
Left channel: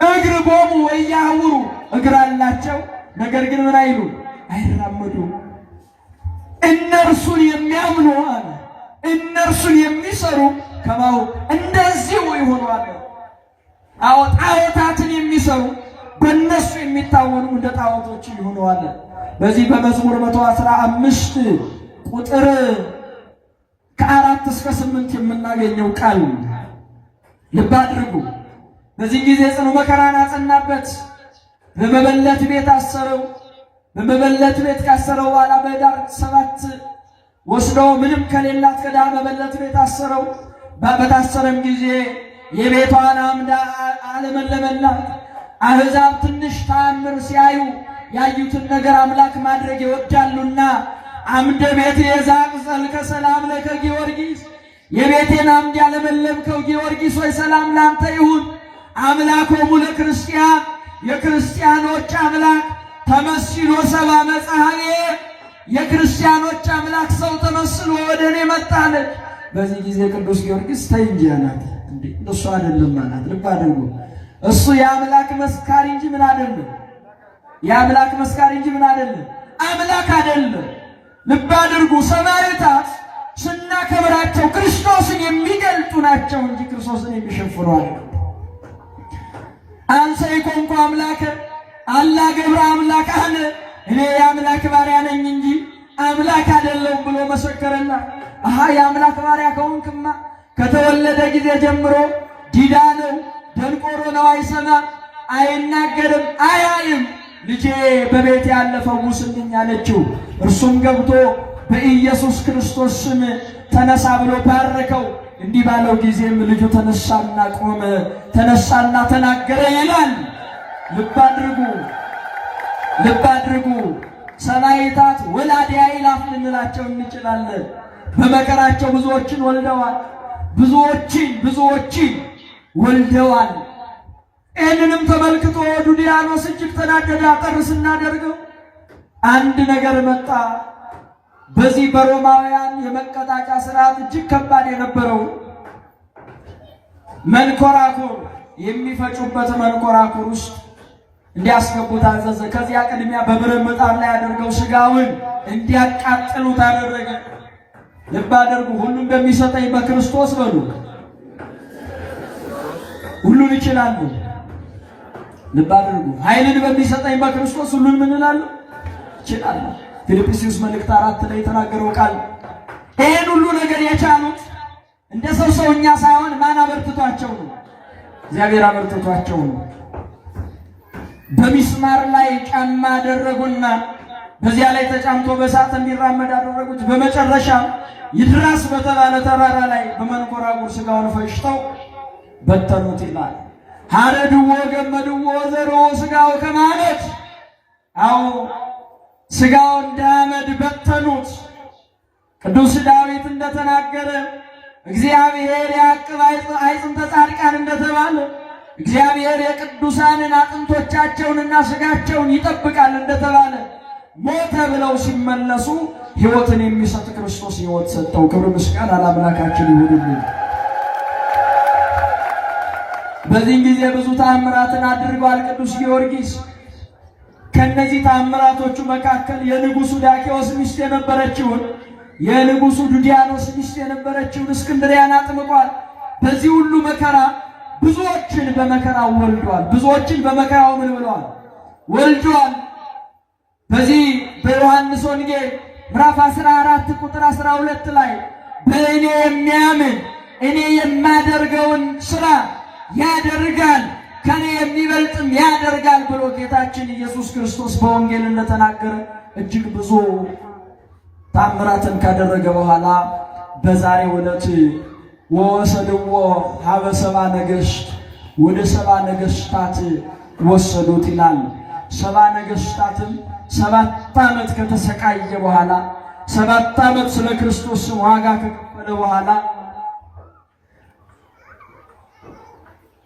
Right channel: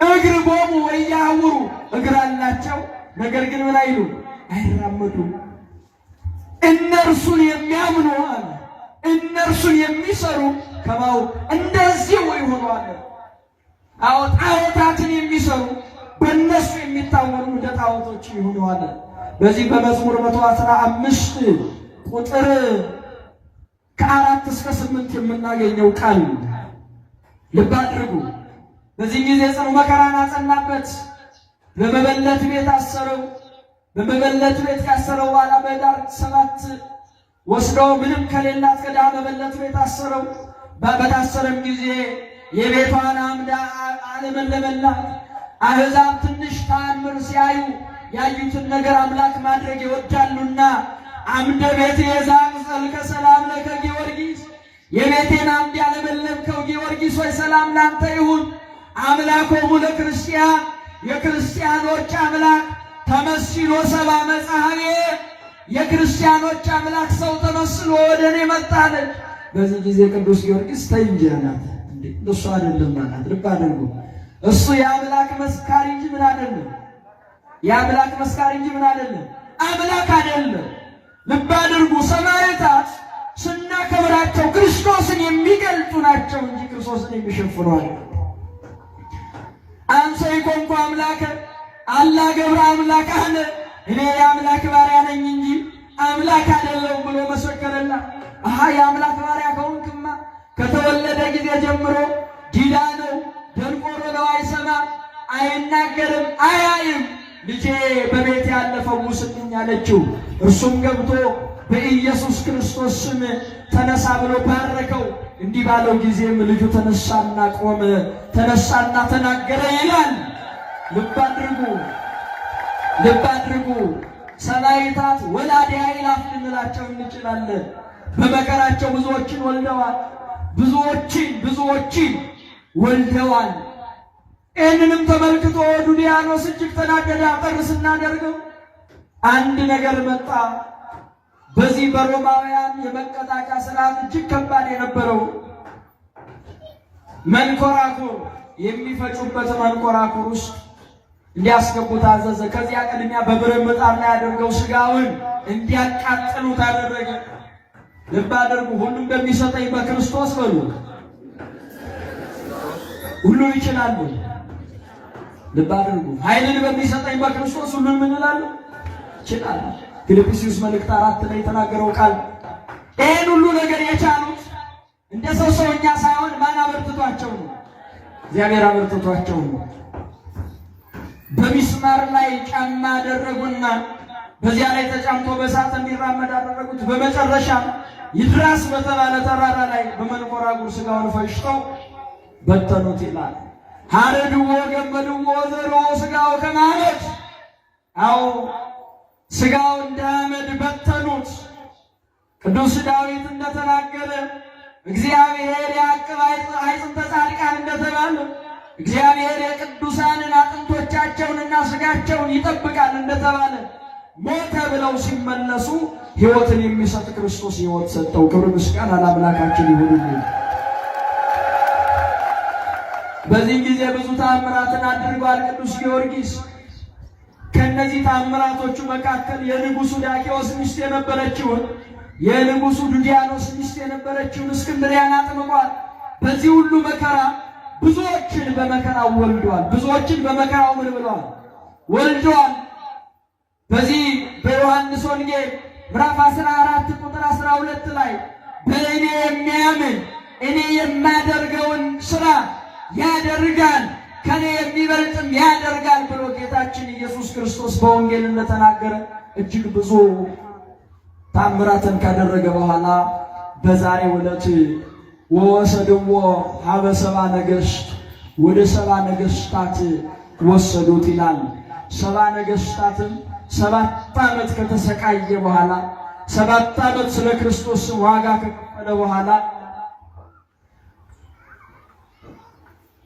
እግርሆሙ ወኢያዕውሩ እግር አላቸው፣ ነገር ግን ምን አይሉ አይራመዱ። እነርሱን የሚያምኑ አለ እነርሱን የሚሰሩ ከማው እንደዚህ ይሆናሉ። አዎ ጣዖታትን የሚሰሩ በእነሱ የሚታወኑ እንደ ጣዖቶች ይሆናሉ። በዚህ በመዝሙር 115 ቁጥር ከ4 እስከ 8 የምናገኘው ቃል ልብ አድርጉ። በዚህ ጊዜ ጽኑ መከራን አጸናበት። በመበለት ቤት አሰረው። በመበለት ቤት ካሰረው በኋላ በኅዳር 7 ወስዶ ምንም ከሌላት ከድሃ መበለት ቤት አሰረው። በታሰረም ጊዜ የቤቷን አምዳ አለመለመላት። አሕዛብ ትንሽ ተአምር ሲያዩ ያዩትን ነገር አምላክ ማድረግ ይወዳሉና አምደ ቤት የዛቅዘል ከሰላም ለከ ጊዮርጊስ፣ የቤቴን አምድ ያለመለምከው ጊዮርጊስ ወይ ሰላም ላንተ ይሁን። አምላኮሙ ለክርስቲያን የክርስቲያኖች አምላክ ተመስሎ ሰባ መጽሐፌ፣ የክርስቲያኖች አምላክ ሰው ተመስሎ ወደ እኔ መጣለ። በዚህ ጊዜ ቅዱስ ጊዮርጊስ ተይ እንጂ አላት። እንዴ እሱ አይደለም ማለት ልብ አድርጉ። እሱ የአምላክ መስካሪ እንጂ ምን አይደለም። የአምላክ መስካሪ እንጂ ምን አይደለም፣ አምላክ አይደለም። ልብ አድርጉ። ሰማዕታት ስናከብራቸው ክርስቶስን የሚገልጡ ናቸው እንጂ ክርስቶስን የሚሸፍኑ አይደለም። አንሰ ይኮንኩ አምላከ አላ ገብረ አምላክ አለ፣ እኔ የአምላክ ባሪያ ነኝ እንጂ አምላክ አይደለም ብሎ መሰከረና የአምላክ ባሪያ ከሆንክማ ከተወለደ ጊዜ ጀምሮ ዲዳ ነው፣ ደንቆሮ ነው፣ አይሰማም፣ አይናገርም፣ አያይም። ልጄ በቤት ያለ ፈውስልኝ አለችው። እርሱም ገብቶ በኢየሱስ ክርስቶስ ስም ተነሳ ብሎ ባረከው። እንዲህ ባለው ጊዜም ልጁ ተነሳና ቆመ፣ ተነሳና ተናገረ ይላል። ልብ አድርጉ፣ ልብ አድርጉ። ሰማዕታት ወላዲ አእላፍ ልንላቸው እንችላለን። በመከራቸው ብዙዎችን ወልደዋል፣ ብዙዎችን ወልደዋል። ይህንንም ተመልክቶ ዱድያኖስ እጅግ ተናደደ። አጠር ስናደርገው አንድ ነገር መጣ። በዚህ በሮማውያን የመቀጣጫ ስርዓት እጅግ ከባድ የነበረው መንኮራኩር የሚፈጩበት መንኮራኩር ውስጥ እንዲያስገቡት አዘዘ። ከዚያ ቅድሚያ በብረት ምጣድ ላይ አድርገው ስጋውን እንዲያቃጥሉት አደረገ። ልብ አድርጉ። ሁሉም በሚሰጠኝ በክርስቶስ በሉ። ሁሉም ይችላሉ። ልብ አድርጉ። ኃይልን በሚሰጠኝ በክርስቶስ ሁሉም እንላሉ ይችላል። ፊልጵስዩስ መልእክት 4 ላይ የተናገረው ቃል ይህን ሁሉ ነገር የቻሉት እንደ ሰውኛ ሳይሆን ማን አበርትቷቸው ነው? እግዚአብሔር አበርትቷቸው ነው። በሚስማር ላይ ጫማ አደረጉና በዚያ ላይ ተጫምቶ በእሳት እንዲራመድ አደረጉት። በመጨረሻ ይድራስ በተባለ ተራራ ላይ በመንኮራኩር ሥጋውን ፈጭተው በተኑት ይላል። ሀረድዎ ገመድዎ ዘርዎ ሥጋው ከማለት አዎ ሥጋው እንደ አመድ በተኑት። ቅዱስ ዳዊት እንደተናገረ እግዚአብሔር ያዕቅብ አዕጽምተ ጻድቃን እንደተባለ እግዚአብሔር የቅዱሳንን አጥንቶቻቸውንና ሥጋቸውን ይጠብቃል እንደተባለ ሞተ ብለው ሲመለሱ ሕይወትን የሚሰጥ ክርስቶስ ሕይወት ሰጠው። ክብር ምስጋና ለአምላካችን ይሁንልን። በዚህ ጊዜ ብዙ ተአምራትን አድርጓል ቅዱስ ጊዮርጊስ። ከነዚህ ተአምራቶቹ መካከል የንጉሡ ዳኪዎስ ሚስት የነበረችውን የንጉሡ ዱዲያኖስ ሚስት የነበረችውን እስክንድርያን አጥምቋል። በዚህ ሁሉ መከራ ብዙዎችን በመከራው ወልዷል። ብዙዎችን በመከራው ምን ብሏል? ወልዷል። በዚህ በዮሐንስ ወንጌል ምዕራፍ 14 ቁጥር 12 ላይ በእኔ የሚያምን እኔ የማደርገውን ሥራ ያደርጋል ከኔ የሚበልጥም ያደርጋል ብሎ ጌታችን ኢየሱስ ክርስቶስ በወንጌል እንደተናገረ እጅግ ብዙ ተአምራትን ካደረገ በኋላ በዛሬው ዕለት ወሰድዎ ሀበ ሰብአ ነገሥት ወደ ሰብአ ነገሥታት ወሰዱት ይላል። ሰብአ ነገሥታትም 7 ዓመት ከተሰቃየ በኋላ 7 ዓመት ስለ ክርስቶስ ዋጋ ከከፈለ በኋላ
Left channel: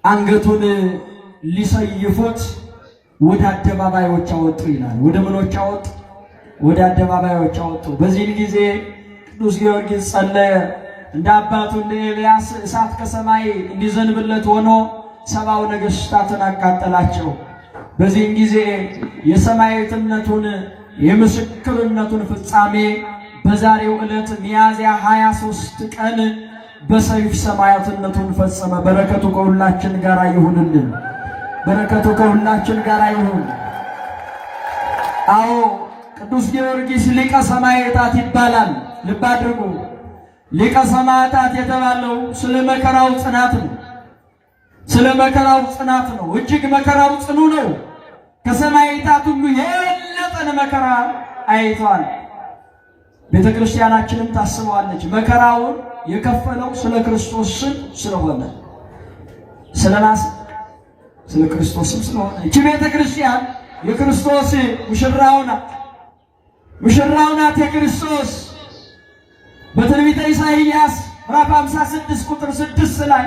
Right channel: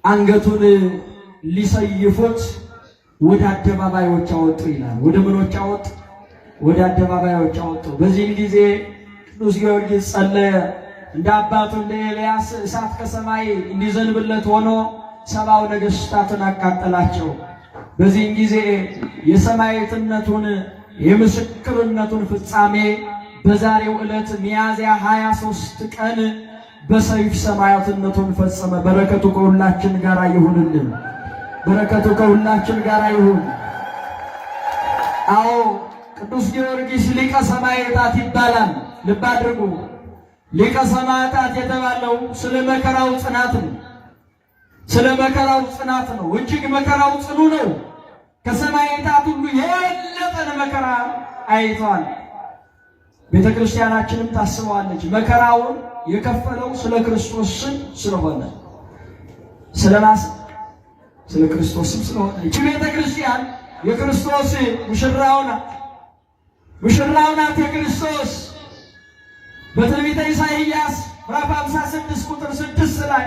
አንገቱን ሊሰይፉት ወደ አደባባዮች አወጡ ይላል። ወደ ምኖች አወጡ? ወደ አደባባዮች አወጡ። በዚህ ጊዜ ቅዱስ ጊዮርጊስ ጸለየ። እንደ አባቱ እንደ ኤልያስ እሳት ከሰማይ እንዲዘንብለት ሆኖ ሰብአው ነገሥታትን አቃጠላቸው። በዚህም ጊዜ የሰማዕትነቱን የምስክርነቱን ፍጻሜ በዛሬው ዕለት ሚያዝያ 23 ቀን በሰይፍ ሰማዕትነቱን ፈጸመ። በረከቱ ከሁላችን ጋር ይሁንልን። በረከቱ ከሁላችን ጋር ይሁን። አዎ ቅዱስ ጊዮርጊስ ሊቀ ሰማዕታት ይባላል። ልብ አድርጉ። ሊቀ ሰማዕታት የተባለው ስለ መከራው ጽናት ነው። ስለ መከራው ጽናት ነው። እጅግ መከራው ጽኑ ነው። ከሰማዕታት ሁሉ የበለጠን መከራ አይቷል። ቤተ ክርስቲያናችንም ታስበዋለች። መከራውን የከፈለው ስለ ክርስቶስ ስም ስለሆነ ስለ ክርስቶስ ስም ስለሆነ እቺ ቤተ ክርስቲያን የክርስቶስ ሙሽራው ናት። ሙሽራው ናት የክርስቶስ። በትንቢተ ኢሳይያስ ምዕራፍ 56 ቁጥር 6 ላይ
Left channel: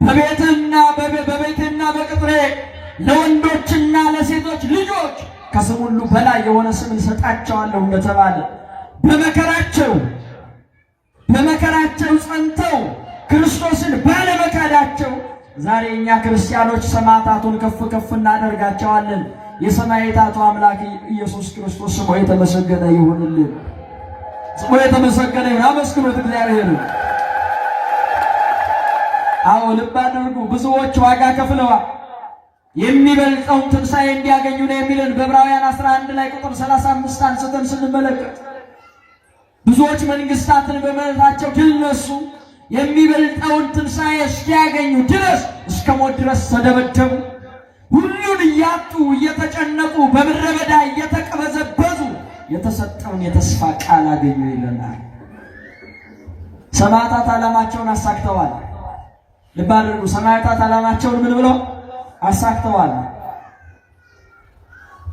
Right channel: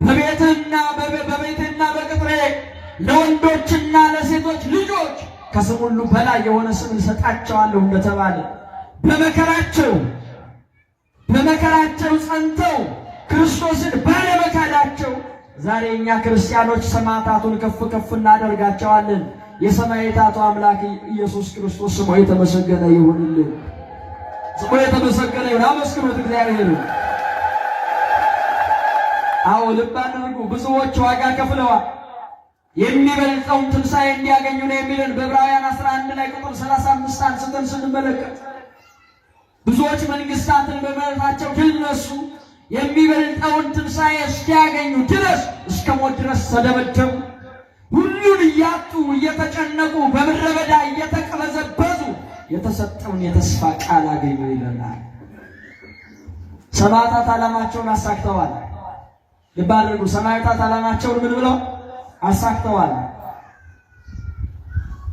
በቤትና በቅጥሬ ለወንዶችና ለሴቶች ልጆች ከስም ሁሉ በላይ የሆነ ስም ይሰጣቸዋለሁ እንደተባለ በመከራቸው ጸንተው ክርስቶስን ባለመካዳቸው ዛሬ እኛ ክርስቲያኖች ሰማዕታቱን ከፍ ከፍ እናደርጋቸዋለን። የሰማዕታቱ አምላክ ኢየሱስ ክርስቶስ ስሙ የተመሰገነ ይሁንልን። ስሙ የተመሰገነ ይሁን። አመስግኑት እግዚአብሔር። አዎ ልብ አድርጉ። ብዙዎች ዋጋ ከፍለዋል። የሚበልጠውን ትንሣኤ እንዲያገኙ ነው የሚለን በዕብራውያን 11 ላይ ቁጥር 35 አንስተን ስንመለከት ብዙዎች መንግስታትን በመረታቸው ድል ነሱ። የሚበልጠውን ትንሣኤ እስኪያገኙ ድረስ እስከ ሞት ድረስ ተደበደቡ። ሁሉን እያጡ እየተጨነቁ በምድረ በዳ እየተቀበዘበዙ የተሰጠውን የተስፋ ቃል አገኙ ይለናል። ሰማዕታት ዓላማቸውን አሳክተዋል። ልብ አድርጉ። ሰማዕታት ዓላማቸውን ምን ብለው አሳክተዋል?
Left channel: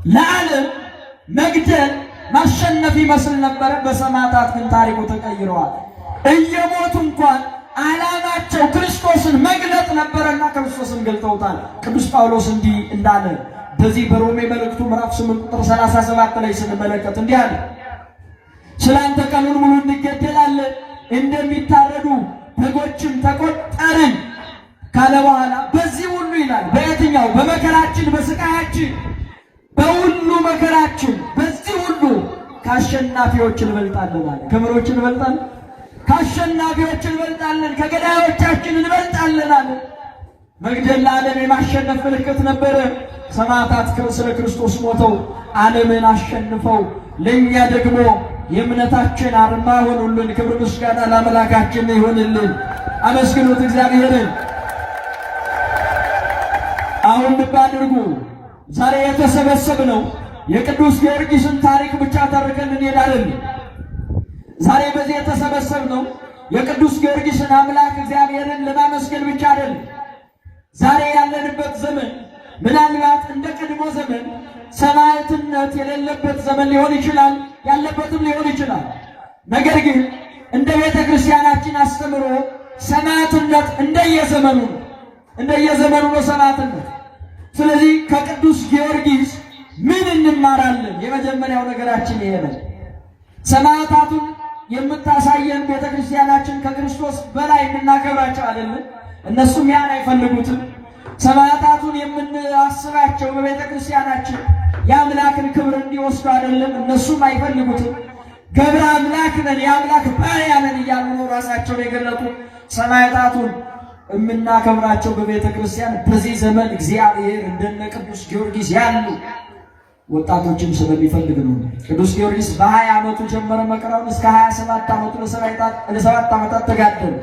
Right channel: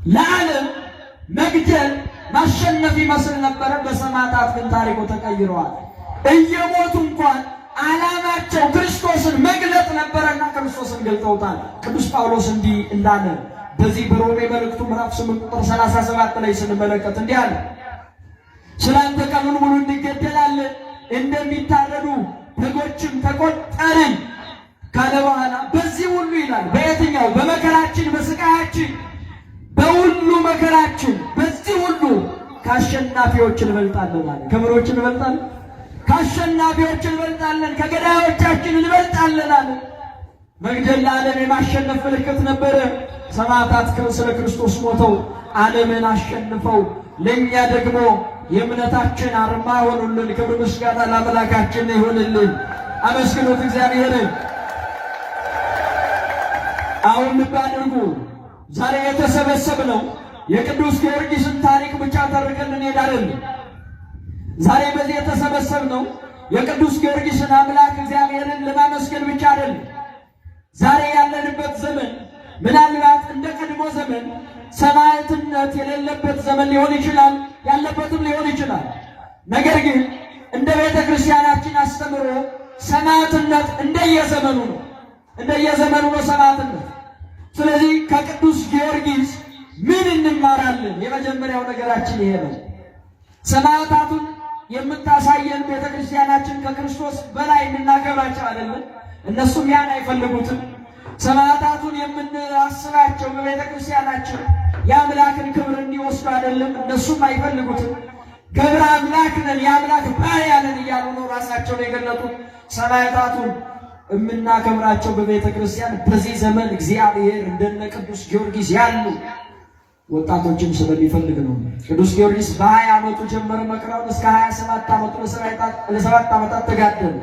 ለዓለም መግደል ማሸነፍ ይመስል ነበረ። በሰማዕታት ግን ታሪኩ ተቀይረዋል። እየሞቱ እንኳን ዓላማቸው ክርስቶስን መግለጥ ነበረና ክርስቶስን ገልጠውታል። ቅዱስ ጳውሎስ እንዲህ እንዳለ በዚህ በሮሜ መልእክቱ ምዕራፍ 8 ቁጥር 37 ላይ ስንመለከት እንዲህ አለ፣ ስላንተ ቀኑን ሙሉ እንገደላለን፣ እንደሚታረዱ በጎችን ተቆጠርን ካለ በኋላ በዚህ ሁሉ ይላል፣ በየትኛው በመከራችን በስቃያችን በሁሉ መከራችን በዚህ ሁሉ ከአሸናፊዎች እንበልጣለን አለ። ከምሮች እንበልጣለን፣ ከአሸናፊዎች እንበልጣለን፣ ከገዳዮቻችን እንበልጣለን አለ። መግደል ለዓለም የማሸነፍ ምልክት ነበረ። ሰማዕታት ስለ ክርስቶስ ሞተው ዓለምን አሸንፈው ለእኛ ደግሞ የእምነታችን አርማ ሆኑልን። ክብር ምስጋና ለአምላካችን ይሆንልን። አመስግኑት እግዚአብሔርን። አሁን ልብ አድርጉ። ዛሬ የተሰበሰብነው የቅዱስ ጊዮርጊስን ታሪክ ብቻ ተርከን እንሄዳለን። ዛሬ በዚህ የተሰበሰብነው የቅዱስ ጊዮርጊስን አምላክ እግዚአብሔርን ለማመስገን ብቻ አይደለም። ዛሬ ያለንበት ዘመን ምናልባት እንደ ቀድሞ ዘመን ሰማዕትነት የሌለበት ዘመን ሊሆን ይችላል፣ ያለበትም ሊሆን ይችላል። ነገር ግን እንደ ቤተ ክርስቲያናችን አስተምሮ ሰማዕትነት እንደየዘመኑ ነው ሰማዕትነት። ስለዚህ ከቅዱስ ጊዮርጊስ ምን እንማራለን? የመጀመሪያው ነገራችን ይሄ ነው። ሰማዕታቱን የምታሳየን ቤተ ክርስቲያናችን ከክርስቶስ በላይ እናከብራቸው አይደለም። እነሱም ያን አይፈልጉትም። ሰማዕታቱን የምናስባቸው በቤተ ክርስቲያናችን የአምላክን ክብር እንዲወስዱ አይደለም። እነሱም አይፈልጉትም። ገብረ አምላክ ነን፣ የአምላክ ባሪያ ነን እያሉ ነው ራሳቸው የገለጡት። ሰማዕታቱን የምናከብራቸው በቤተ ክርስቲያን በዚህ ዘመን እግዚአብሔር እንደነ ቅዱስ ጊዮርጊስ ያሉ ወጣቶችን ስለሚፈልግ ነው። ቅዱስ ጊዮርጊስ በ20 ዓመቱ ጀመረ መከራውን እስከ 27 ዓመቱ ለ7 ዓመታት ተጋደለ።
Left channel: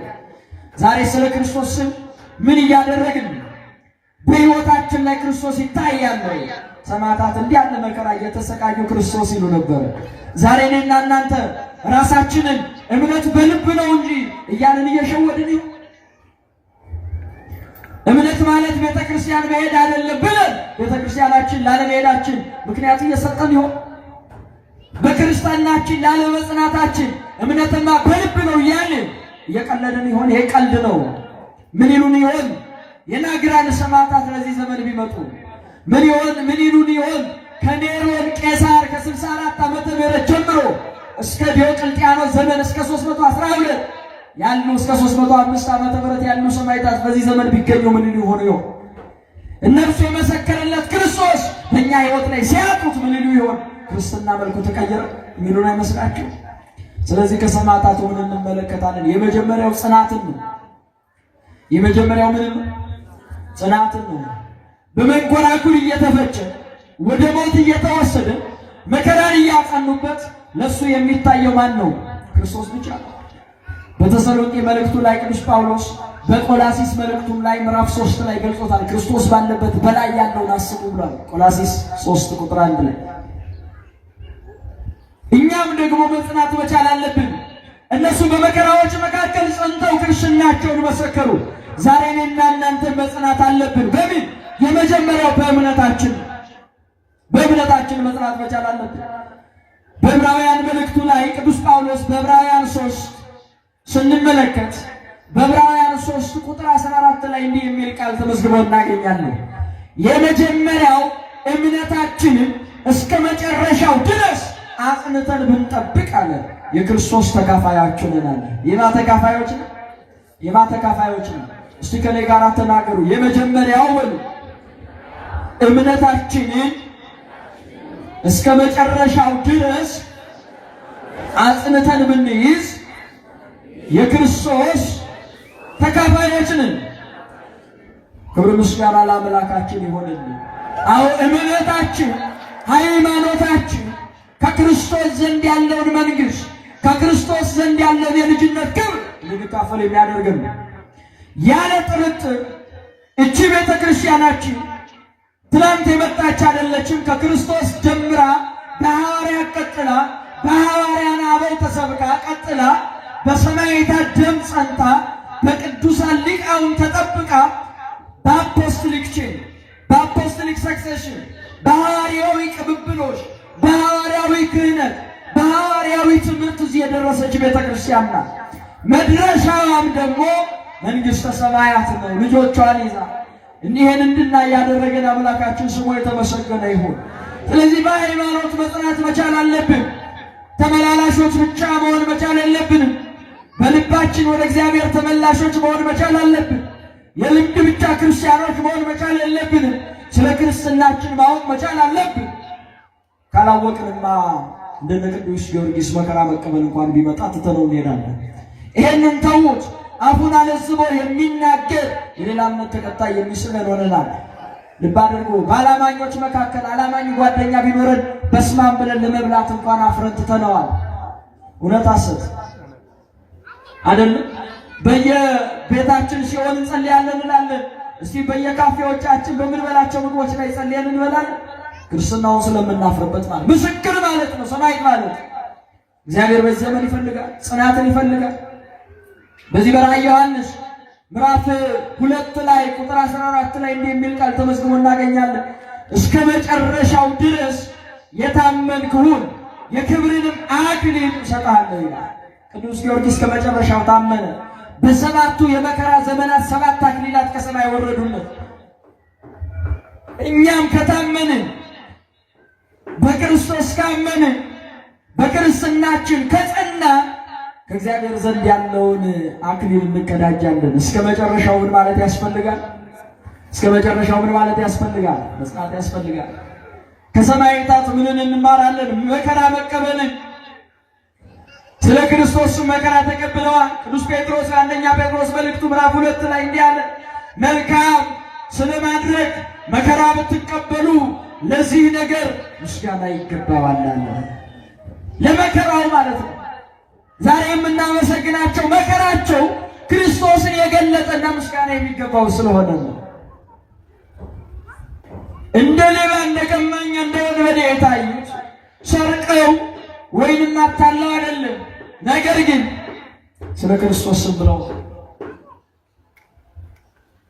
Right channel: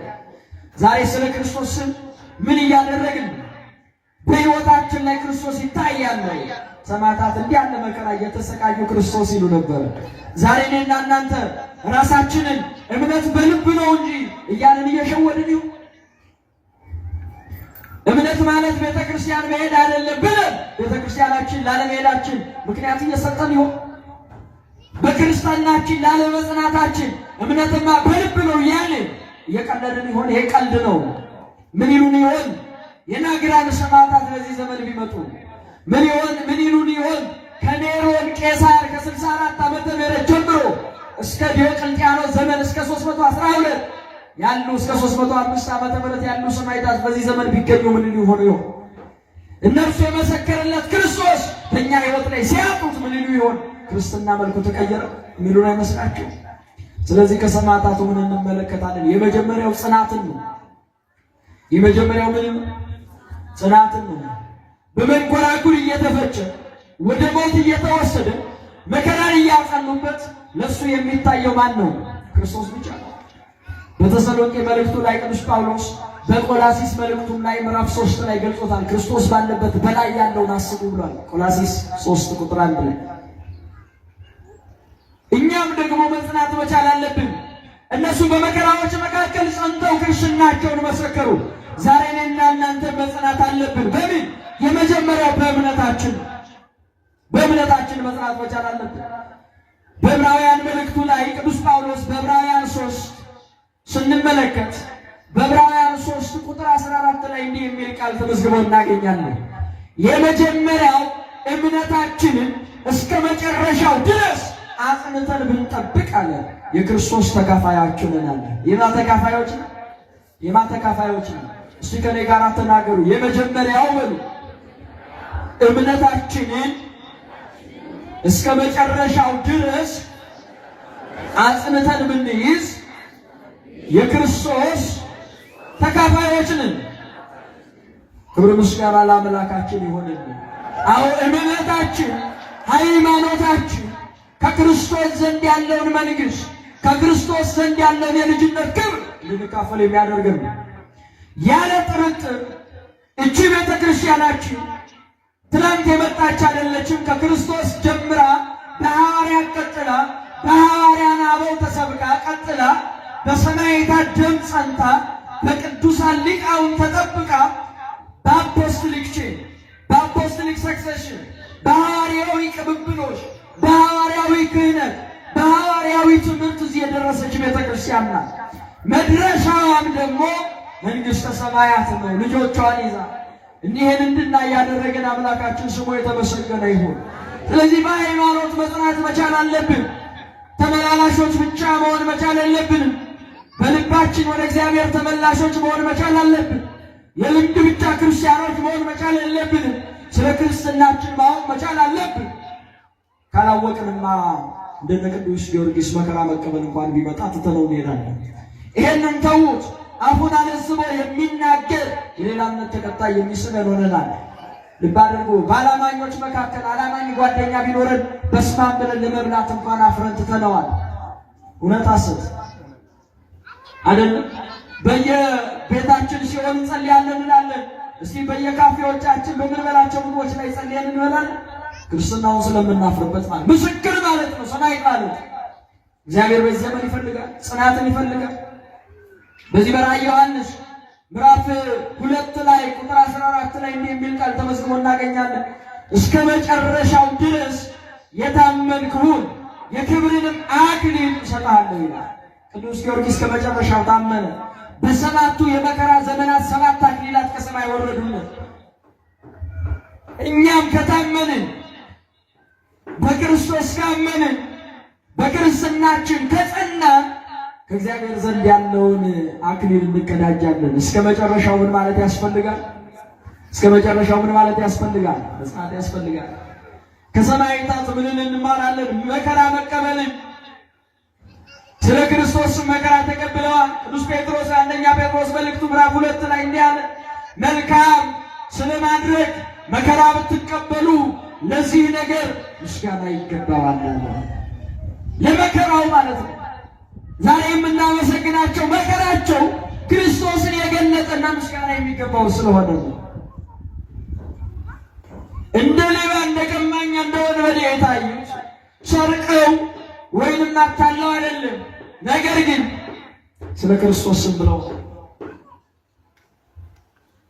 ዛሬ ስለ ክርስቶስ ምን እያደረግን? በሕይወታችን ላይ ክርስቶስ ይታያል። ሰማዕታት እንዲህ ያለ መከራ እየተሰቃዩ ክርስቶስ ይሉ ነበር። ዛሬ እኔና እናንተ ራሳችንን እምነት በልብ ነው እንጂ እያለን እየሸወድን ይሁን። እምነት ማለት ቤተ ክርስቲያን መሄድ አይደለም ብለን ቤተ ክርስቲያናችን ላለመሄዳችን ምክንያት እየሰጠን ይሆን? በክርስቲያናችን ላለመጽናታችን እምነትና በልብ ነው እያልን እየቀለድን ይሆን? ይሄ ቀልድ ነው። ምን ይሉን ይሆን የናግራን ሰማዕታት በዚህ ዘመን ቢመጡ? ምን ይሉን ይሆን? ከኔሮን ቄሳር ከ64 ዓመተ ምህረት ጀምሮ እስከ ዲዮቅልጥያኖስ ዘመን እስከ 312 ያሉ እስከ 305 ዓመተ ምህረት ያሉ ሰማዕታት በዚህ ዘመን ቢገኙ ምን ሊሆኑ ይሆን? እነሱ የመሰከረለት ክርስቶስ በእኛ ሕይወት ላይ ሲያጡት ምን ሊሉ ይሆን? ክርስትና መልኩ ተቀየረ የሚሉን አይመስላችሁ? ስለዚህ ከሰማዕታቱ ምን እንመለከታለን? የመጀመሪያው ጽናትን ነው። የመጀመሪያው ምን? ጽናትን ነው። በመንኮራኩር እየተፈጨ ወደ ሞት እየተወሰደ መከራን እያጸኑበት ለሱ የሚታየው ማን ነው? ክርስቶስ ብቻ ነው። በተሰሎንቄ መልእክቱ ላይ ቅዱስ ጳውሎስ በቆላሲስ መልእክቱ ላይ ምዕራፍ 3 ላይ ገልጾታል። ክርስቶስ ባለበት በላይ ያለውን አስቡ ብሏል። ቆላሲስ 3 ቁጥር 1 ላይ እኛም ደግሞ መጽናት መቻል አለብን። እነሱ በመከራዎች መካከል ጸንተው ክርስትናቸውን መሰከሩ። ዛሬ እኔና እናንተ መጽናት አለብን። በምን? የመጀመሪያው በእምነታችን መጽናት መቻል አለብን። በዕብራውያን መልእክቱ ላይ ቅዱስ ጳውሎስ በዕብራውያን 3 ስንመለከት በዕብራውያን 3 ቁጥር 14 ላይ እንዲህ የሚል ቃል ተመዝግቦ እናገኛለን። የመጀመሪያው እምነታችንን እስከ መጨረሻው ድረስ አጽንተን ብንጠብቅ አለ የክርስቶስ ተካፋዮች ነን። የማ ተካፋዮች ነን? እስቲ ከኔ ጋር ተናገሩ። የመጀመሪያው በሉ እምነታችንን እስከ መጨረሻው ድረስ አጽንተን ብንይዝ የክርስቶስ ተካፋዮች ነን። ክብር ምስጋና ለአምላካችን ይሁንልን። አዎ እምነታችን፣ ሃይማኖታችን ከክርስቶስ ዘንድ ያለውን መንግሥት ከክርስቶስ ዘንድ ያለውን የልጅነት ክብር እንድንካፈል የሚያደርገን ያለ ጥርጥር እቺ ቤተ ክርስቲያናችን ትናንት የመጣች አይደለችም። ከክርስቶስ ጀምራ በሐዋርያት ቀጥላ በሐዋርያን አበው ተሰብካ ቀጥላ በሰማዕታት ደም ጸንታ በቅዱሳን ሊቃውንት ተጠብቃ በአፖስቶሊክ ቼን በአፖስቶሊክ ሰክሴሽን በሐዋርያዊ ቅብብሎች በሐዋርያዊ ክህነት በሐዋርያዊ ትምህርት እዚህ የደረሰች ቤተ ክርስቲያን ናት። መድረሻዋም ደግሞ መንግሥተ ሰማያት ነው። ልጆቿን ይዛ እኒህን እንድናይ ያደረገን አምላካችን ስሙ የተመሰገነ ይሁን። ስለዚህ በሃይማኖት መጽናት መቻል አለብን። ተመላላሾች ብቻ መሆን መቻል የለብንም። በልባችን ወደ እግዚአብሔር ተመላሾች መሆን መቻል አለብን። የልምድ ብቻ ክርስቲያኖች መሆን መቻል የለብንም። ስለ ክርስትናችን ማወቅ መቻል አለብን። ካላወቅንማ እንደነ ቅዱስ ጊዮርጊስ መከራ መቀበል እንኳን ቢመጣ ትተነው እንሄዳለን። ይሄንን ተዉት። አፉን አለዝቦ የሚናገር የሌላ እምነት ተከታይ የሚስለን ሆነናል። ልብ አድርጎ በአላማኞች መካከል አላማኝ ጓደኛ ቢኖረን በስማም ብለን ለመብላት እንኳን አፍረን ትተነዋል። እውነት ሐሰት አይደለም? በየቤታችን ሲሆን እንጸልያለን እንላለን። እስቲ በየካፌዎቻችን በምንበላቸው ምግቦች ላይ ጸልየን እንበላለን። ክርስትናውን ስለምናፍርበት ማለት ምስክር ማለት ነው። ሰማዕት ማለት እግዚአብሔር በዚህ ዘመን ይፈልጋል፣ ጽናትን ይፈልጋል። በዚህ በራዕየ ዮሐንስ ምዕራፍ 2 ላይ ቁጥር 14 ላይ እንዲህ የሚል ቃል ተመዝግቦ እናገኛለን። እስከ መጨረሻው ድረስ የታመንክ ሁን የክብርንም አክሊል እሰጥሃለሁ ይላል። ቅዱስ ጊዮርጊስ ከመጨረሻው ታመነ። በሰባቱ የመከራ ዘመናት 7 አክሊላት ከሰማይ ወረዱለት። እኛም ከታመንን በክርስቶስ ካመንን በክርስትናችን ከጸና ከእግዚአብሔር ዘንድ ያለውን አክሊል እንቀዳጃለን። እስከ መጨረሻው ምን ማለት ያስፈልጋል? እስከ መጨረሻው ምን ማለት ያስፈልጋል? መጽናት ያስፈልጋል። ከሰማዕታት ምንን እንማራለን? መከራ መቀበልን። ስለ ክርስቶስ መከራ ተቀብለዋል። ቅዱስ ጴጥሮስ አንደኛ ጴጥሮስ መልእክቱ ምዕራፍ 2 ላይ እንዲህ አለ፣ መልካም ስለማድረግ መከራ ብትቀበሉ ለዚህ ነገር ምስጋና ይገባዋል። ለመከራው ማለት ነው። ዛሬ የምናመሰግናቸው መከራቸው ክርስቶስን የገለጠና ምስጋና የሚገባው ስለሆነ ነው። እንደ ሌባ እንደ ቀማኛ እንደ ወንበዴ የታዩት ሰርቀው ወይንም አታለው አይደለም፣ ነገር ግን ስለ ክርስቶስ ብለው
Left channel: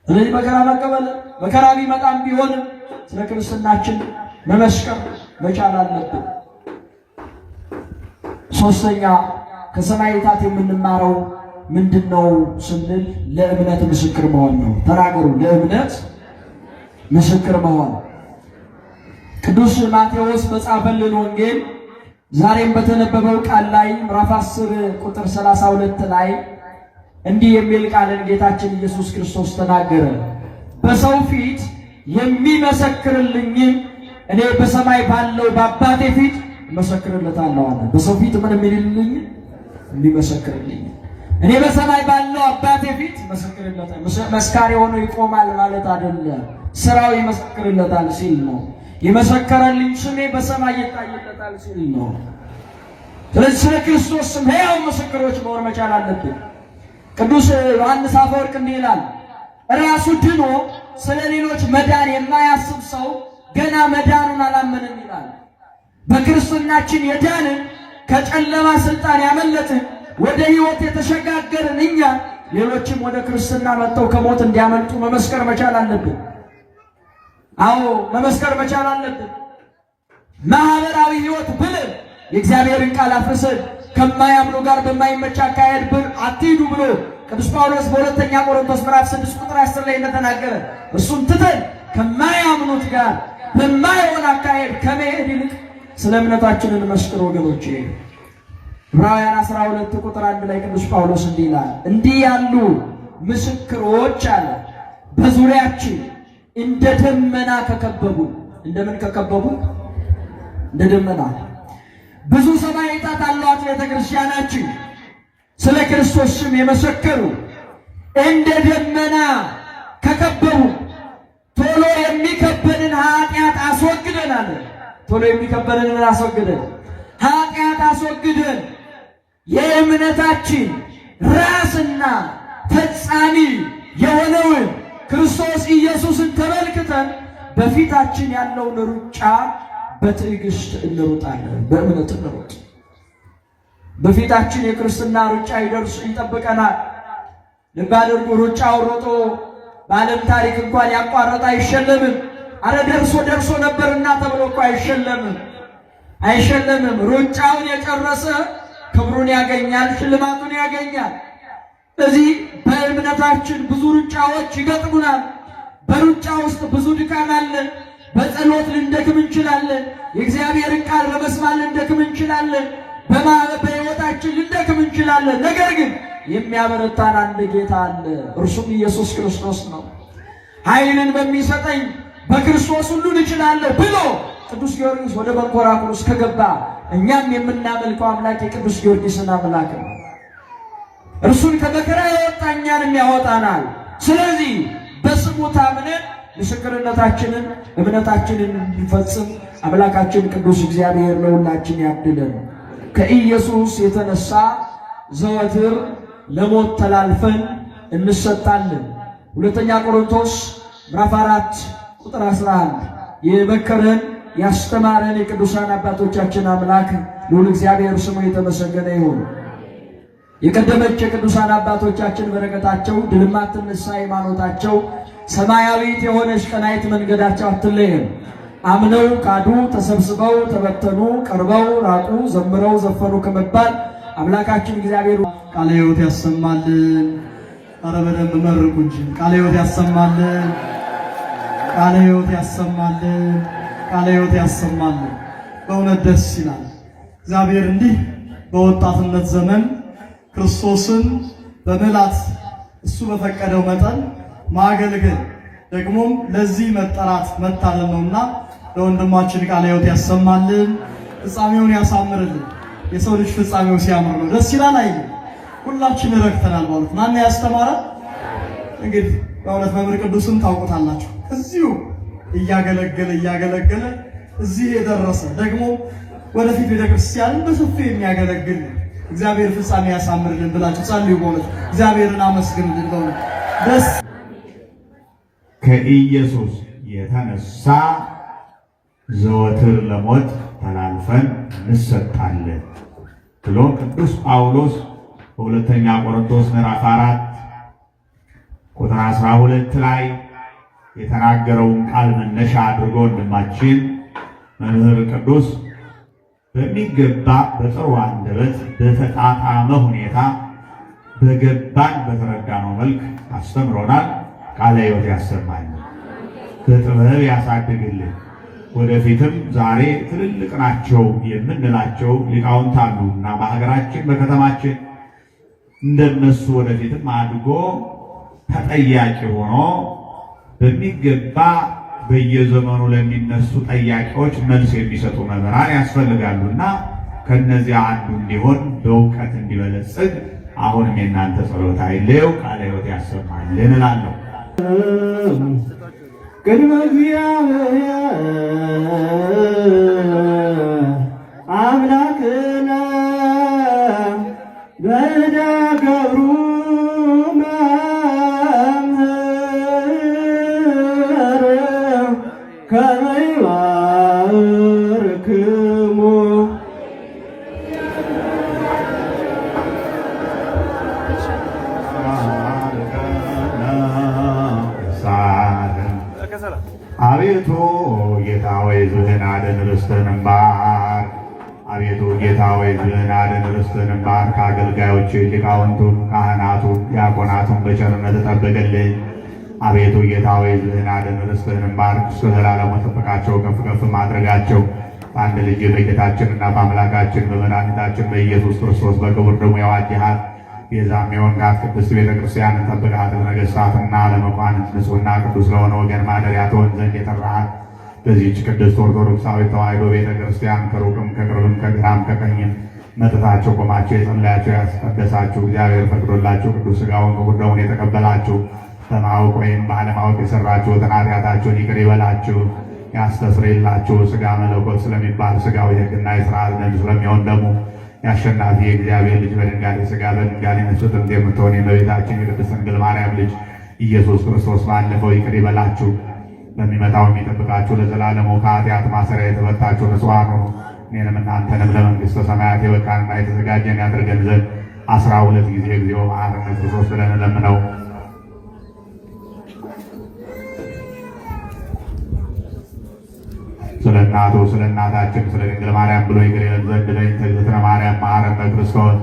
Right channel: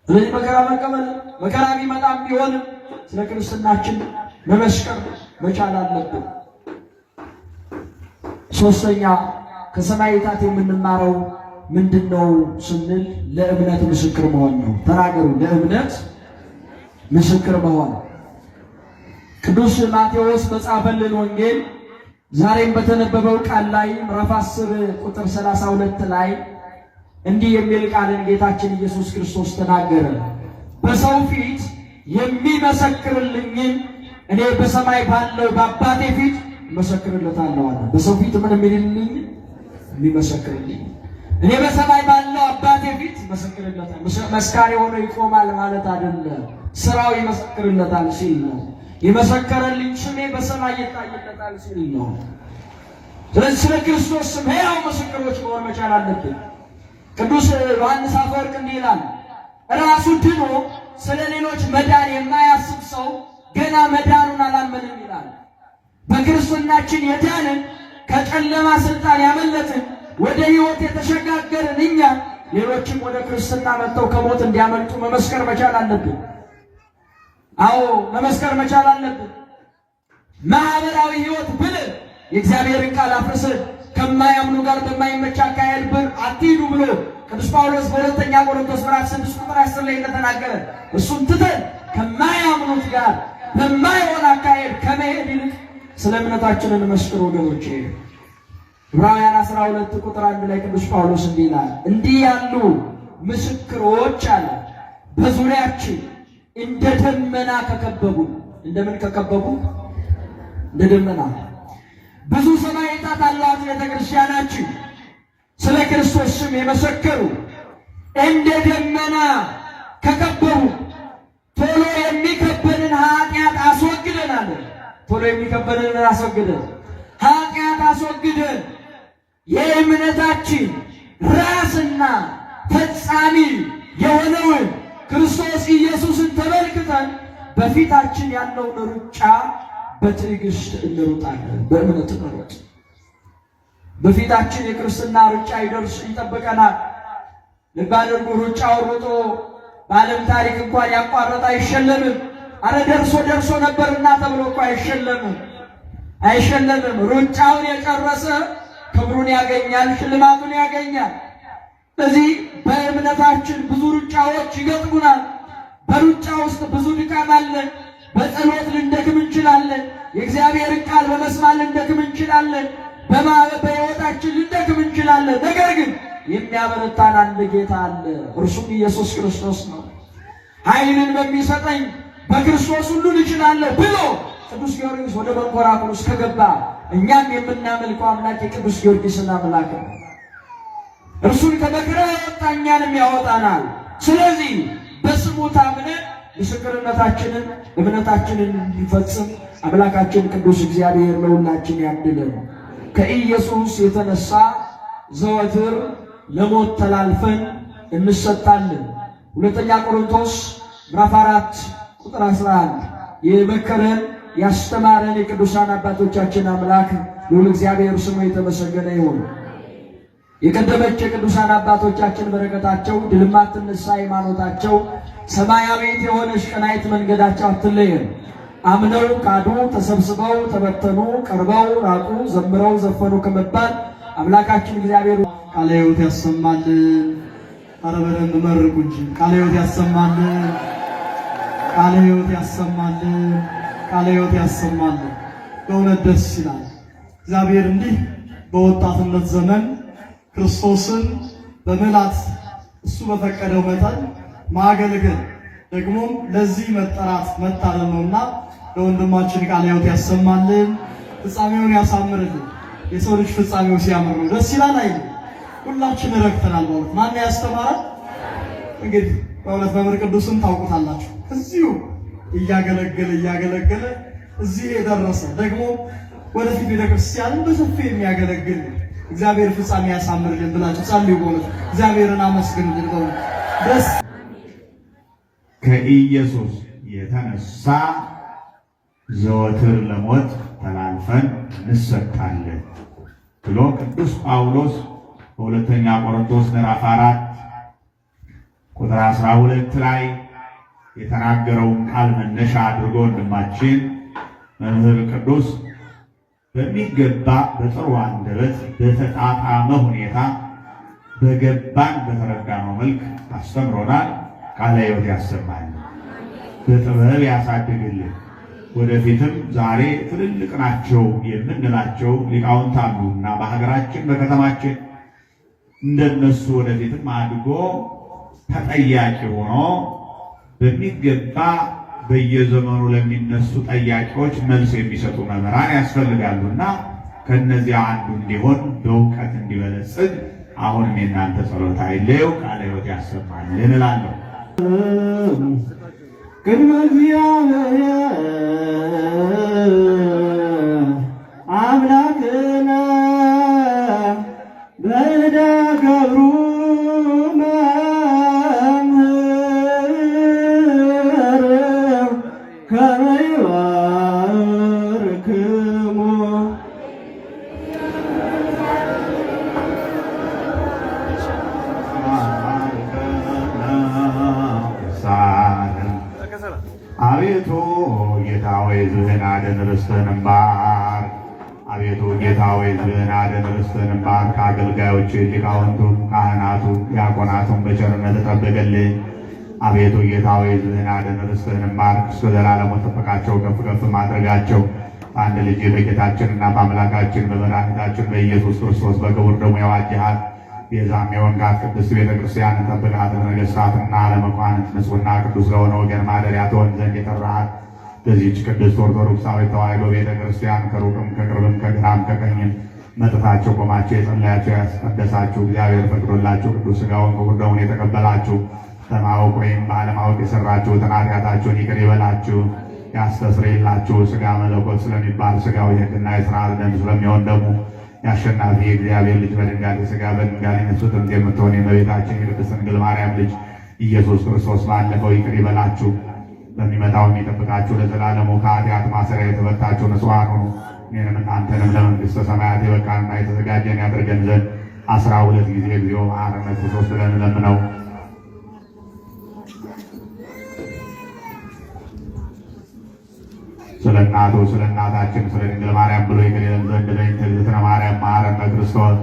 ስለዚህ መከራ መቀበል መከራ ቢመጣም ቢሆንም ስለ ክርስትናችን መመስከር መቻል አለብን። ሶስተኛ ከሰማዕታት የምንማረው ምንድነው ስንል ለእምነት ምስክር መሆን ነው። ተናገሩ። ለእምነት ምስክር መሆን። ቅዱስ ማቴዎስ በጻፈልን ወንጌል ዛሬም በተነበበው ቃል ላይ ምዕራፍ 10 ቁጥር 32 ላይ እንዲህ የሚል ቃልን ጌታችን ኢየሱስ ክርስቶስ ተናገረ። በሰው ፊት የሚመሰክርልኝን እኔ በሰማይ ባለው በአባቴ ፊት መሰክርለታለሁ አለ። በሰው ፊት ምን የሚልልኝ? የሚመሰክርልኝ። እኔ በሰማይ ባለው አባቴ ፊት መሰክርለታለሁ። መስካሪ ሆኖ ይቆማል ማለት አይደለም፣ ስራው ይመሰክርለታል ሲል ነው። የመሰከረልኝ ስሜ በሰማይ ይታይለታል ሲል ነው። ስለዚህ ስለ ክርስቶስ ስም ሕያው ምስክሮች መሆን መቻል አለብን። ቅዱስ ዮሐንስ አፈወርቅ እንዲህ ይላል፣ ራሱ ድኖ ስለ ሌሎች መዳን የማያስብ ሰው ገና መዳኑን አላመንም ይላል። በክርስትናችን የዳንን ከጨለማ ስልጣን ያመለጥን ወደ ሕይወት የተሸጋገርን እኛ ሌሎችም ወደ ክርስትና መጥተው ከሞት እንዲያመልጡ መመስከር መቻል አለብን። አዎ መመስከር መቻል አለብን። ማህበራዊ ሕይወት ብለን የእግዚአብሔርን ቃል አፍርሰን ከማያምኑ ጋር በማይመች አካሄድ አትሂዱ ብሎ ቅዱስ ጳውሎስ በሁለተኛ ቆሮንቶስ ምዕራፍ 6 ቁጥር 10 ላይ እንደተናገረ እሱን ትተን ከማያምኑት ጋር በማይሆን አካሄድ ከመሄድ ይልቅ ስለ እምነታችን እንመስክር ወገኖቼ። ዕብራውያን 12 ቁጥር 1 ላይ ቅዱስ ጳውሎስ እንዲህ ይላል፣ እንዲህ ያሉ ምስክሮች አለ በዙሪያችን እንደ ደመና ከከበቡ። እንደምን ከከበቡ? እንደ ደመና። ብዙ ሰማዕታት አሏት ቤተክርስቲያናችን፣ ስለ ክርስቶስ ስም የመሰከሩ እንደ ደመና ከከበቡ። ቶሎ የሚከበንን ኃጢአት አስወግደን አለ። ቶሎ የሚከበንን አስወግደን፣ ኃጢአት አስወግደን የእምነታችን ራስና ፈጻሚ የሆነውን ክርስቶስ ኢየሱስን ተመልክተን በፊታችን ያለውን ሩጫ በትዕግስት እንሩጣለን። በእምነት እንሩጥ። በፊታችን የክርስትና ሩጫ ይጠብቀናል። ልብ አድርጉ። ሩጫውን ሮጦ በዓለም ታሪክ እንኳን ያቋረጠ አይሸለምም። አረ ደርሶ ነበርና ተብሎ እኮ አይሸለምም። ሩጫውን የጨረሰ ክብሩን ያገኛል፣ ሽልማቱን ያገኛል። ስለዚህ በእምነታችን ብዙ ሩጫዎች ይገጥሙናል። በሩጫ ውስጥ ብዙ ድካም አለ። በጸሎት ልንደክም እንችላለን። የእግዚአብሔርን ቃል በመስማት ልንደክም እንችላለን። በሕይወታችን ልንደክም እንችላለን። ነገር ግን የሚያበረታን አንድ ጌታ አለ፣ እርሱም ኢየሱስ ክርስቶስ ነው። ኃይልን በሚሰጠኝ በክርስቶስ ሁሉን እችላለሁ ብሎ ቅዱስ ጊዮርጊስ ወደ መንኮራኩር ከገባ እኛም የምናመልከው አምላክ የቅዱስ ጊዮርጊስን አምላክ ነው። እርሱን ከመከራ ያወጣ እኛንም ያወጣናል። ስለዚህ በስሙ ታምነን ምስክርነታችንን እምነታችንን እንፈጽም አምላካችን ቅዱስ እግዚአብሔር ለሁላችን ያድለን። ከኢየሱስ የተነሳ ዘወትር ለሞት ተላልፈን እንሰጣለን። ሁለተኛ ቆሮንቶስ ምዕራፍ 4 ቁጥር 11 የመከረን ያስተማረን የቅዱሳን አባቶቻችን አምላክ ልዑል እግዚአብሔር ስሙ የተመሰገነ ይሁን። የቀደመች የቅዱሳን አባቶቻችን በረከታቸው ድል የማትነሳ ሃይማኖታቸው ሰማያዊት የሆነች ቀናይት መንገዳቸው አትለየን። አምነው ካዱ፣ ተሰብስበው ተበተኑ፣ ቀርበው ራቁ፣ ዘምረው ዘፈኑ ከመባል አምላካችን እግዚአብሔር ቃለ ሕይወት ያሰማልን። ኧረ በደንብ መርቁ እንጂ ቃለ ሕይወት ያሰማልን። ቃለ ሕይወት ያሰማልን። ቃለ ሕይወት ያሰማልን። በእውነት ደስ ይላል። እግዚአብሔር እንዲህ በወጣትነት ዘመን ክርስቶስን በመላት እሱ በፈቀደው መጠን ማገልገል ደግሞም ለዚህ መጠራት መታደል ነውና ለወንድማችን ቃለ ሕይወት ያሰማልን፣ ፍጻሜውን ያሳምርልን። የሰው ልጅ ፍጻሜው ሲያምር ነው ደስ ይላል አይደል? ሁላችን ረክተናል ማለት ማን ያስተማረ? እንግዲህ በእውነት መምህር ቅዱስን ታውቁታላችሁ። እዚሁ እያገለገለ እዚህ የደረሰ ደግሞ ወደፊት ቤተክርስቲያንን በሰፊው የሚያገለግል እግዚአብሔር ፍጻሜ ያሳምርልን ብላችሁ ጸልዩ። በእውነት እግዚአብሔርን አመስግኑልን። በእውነት ደስ ከኢየሱስ የተነሳ ዘወትር ለሞት ተላልፈን እንሰጣለን ብሎ ቅዱስ ጳውሎስ በሁለተኛ ቆሮንቶስ ምዕራፍ 4 ቁጥር 12 ላይ የተናገረውን ቃል መነሻ አድርጎ ወንድማችን መምህር ቅዱስ በሚገባ በጥሩ አንደበት በተጣጣመ ሁኔታ በገባን በተረዳነው መልክ አስተምሮናል። ቃለ ሕይወት ያሰማልን፣ በጥበብ ያሳድግልን። ወደፊትም ዛሬ ትልልቅ ናቸው የምንላቸው ሊቃውንት አሉና በሀገራችን በከተማችን እንደነሱ ወደፊትም አድጎ ተጠያቂ ሆኖ በሚገባ በየዘመኑ ለሚነሱ ጠያቂዎች መልስ የሚሰጡ መምህራን ያስፈልጋሉና ከነዚያ አንዱ እንዲሆን በእውቀት እንዲበለጽግ አሁንም የእናንተ ጸሎት አይለየው። ቃለ ሕይወት ያሰማልን እላለሁ። ቅድመ እግዚአብሔር አምላክነ በእደ ገብሩ መምህር ከመ ይባርክሙ አቤቱ ጌታ ሆይ ሕዝብህን አድን፣ ርስትህንም ባርክ። አቤቱ ጌታ ሆይ ሕዝብህን አድን፣ ርስትህንም ባርክ። አገልጋዮች ሊቃውንቱ፣ ካህናቱ፣ ዲያቆናቱን በቸርነት ጠብቅልኝ። አቤቱ ጌታ ሆይ ሕዝብህን አድን፣ ርስትህንም ባርክ። እስከ ዘላለሙ ጠብቃቸው፣ ከፍ ከፍ ማድረጋቸው አንድ ልጅ በጌታችንና በአምላካችን በመድኃኒታችን በኢየሱስ ክርስቶስ በክቡር ደሙ የዋጀሃት ቤዛም የሆንካት ቅድስት ቤተክርስቲያን ጠብቃት። ለነገሥታትና ለመኳንንት ንጹሕና ቅዱስ ለሆነ ወገን ማደሪያ ትሆን ዘንድ የጠራሃት በዚህች ቅድስት ኦርቶዶክሳዊት ተዋሕዶ ቤተክርስቲያን ከሩቅም ከቅርብም ከግራም ከቀኝም መጥታችሁ ቆማችሁ የጸለያችሁ ያስቀደሳችሁ እግዚአብሔር ፈቅዶላችሁ ቅዱስ ሥጋውን ክቡር ደሙን የተቀበላችሁ በማወቅ ወይም ባለማወቅ የሰራችሁትን ኃጢአታችሁን ይቅር ይበላችሁ ያስተስርይላችሁ። ሥጋ መለኮት ስለሚባል ሥጋው የሕግና የሥርዓት ደም ስለሚሆን ደግሞ የአሸናፊ የእግዚአብሔር ልጅ በድንጋሌ ሥጋ በድንጋሌ ነፍስ ጥንት የምትሆን የእመቤታችን የቅድስት ድንግል ማርያም ልጅ ኢየሱስ ክርስቶስ ባለፈው ይቅር ይበላችሁ በሚመጣው የሚጠብቃችሁ ለዘላለሙ ከኃጢአት ማሰሪያ የተፈታችሁ ንጹሐን ሁኑ። እኔንም እናንተንም ለመንግሥተ ሰማያት የበቃንና የተዘጋጀን ያደርገን ዘንድ 12 ጊዜ እግዚኦ መሐረነ ክርስቶስ ብለን እንለምነው። ስለ እናቱ ስለ እናታችን ስለ ድንግል ማርያም ብሎ ይቅር ይለን ዘንድ ለእንተ እግዝእትነ ማርያም መሐረነ ክርስቶስ።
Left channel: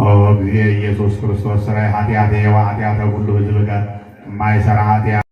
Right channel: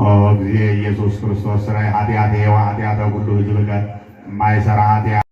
ኦ እግዚእ ኢየሱስ ክርስቶስ ሥራይ ኃጢአቴ ወኃጢአተ ኩሉ ሕዝብ ጋር የማይሠራ ኃጢአት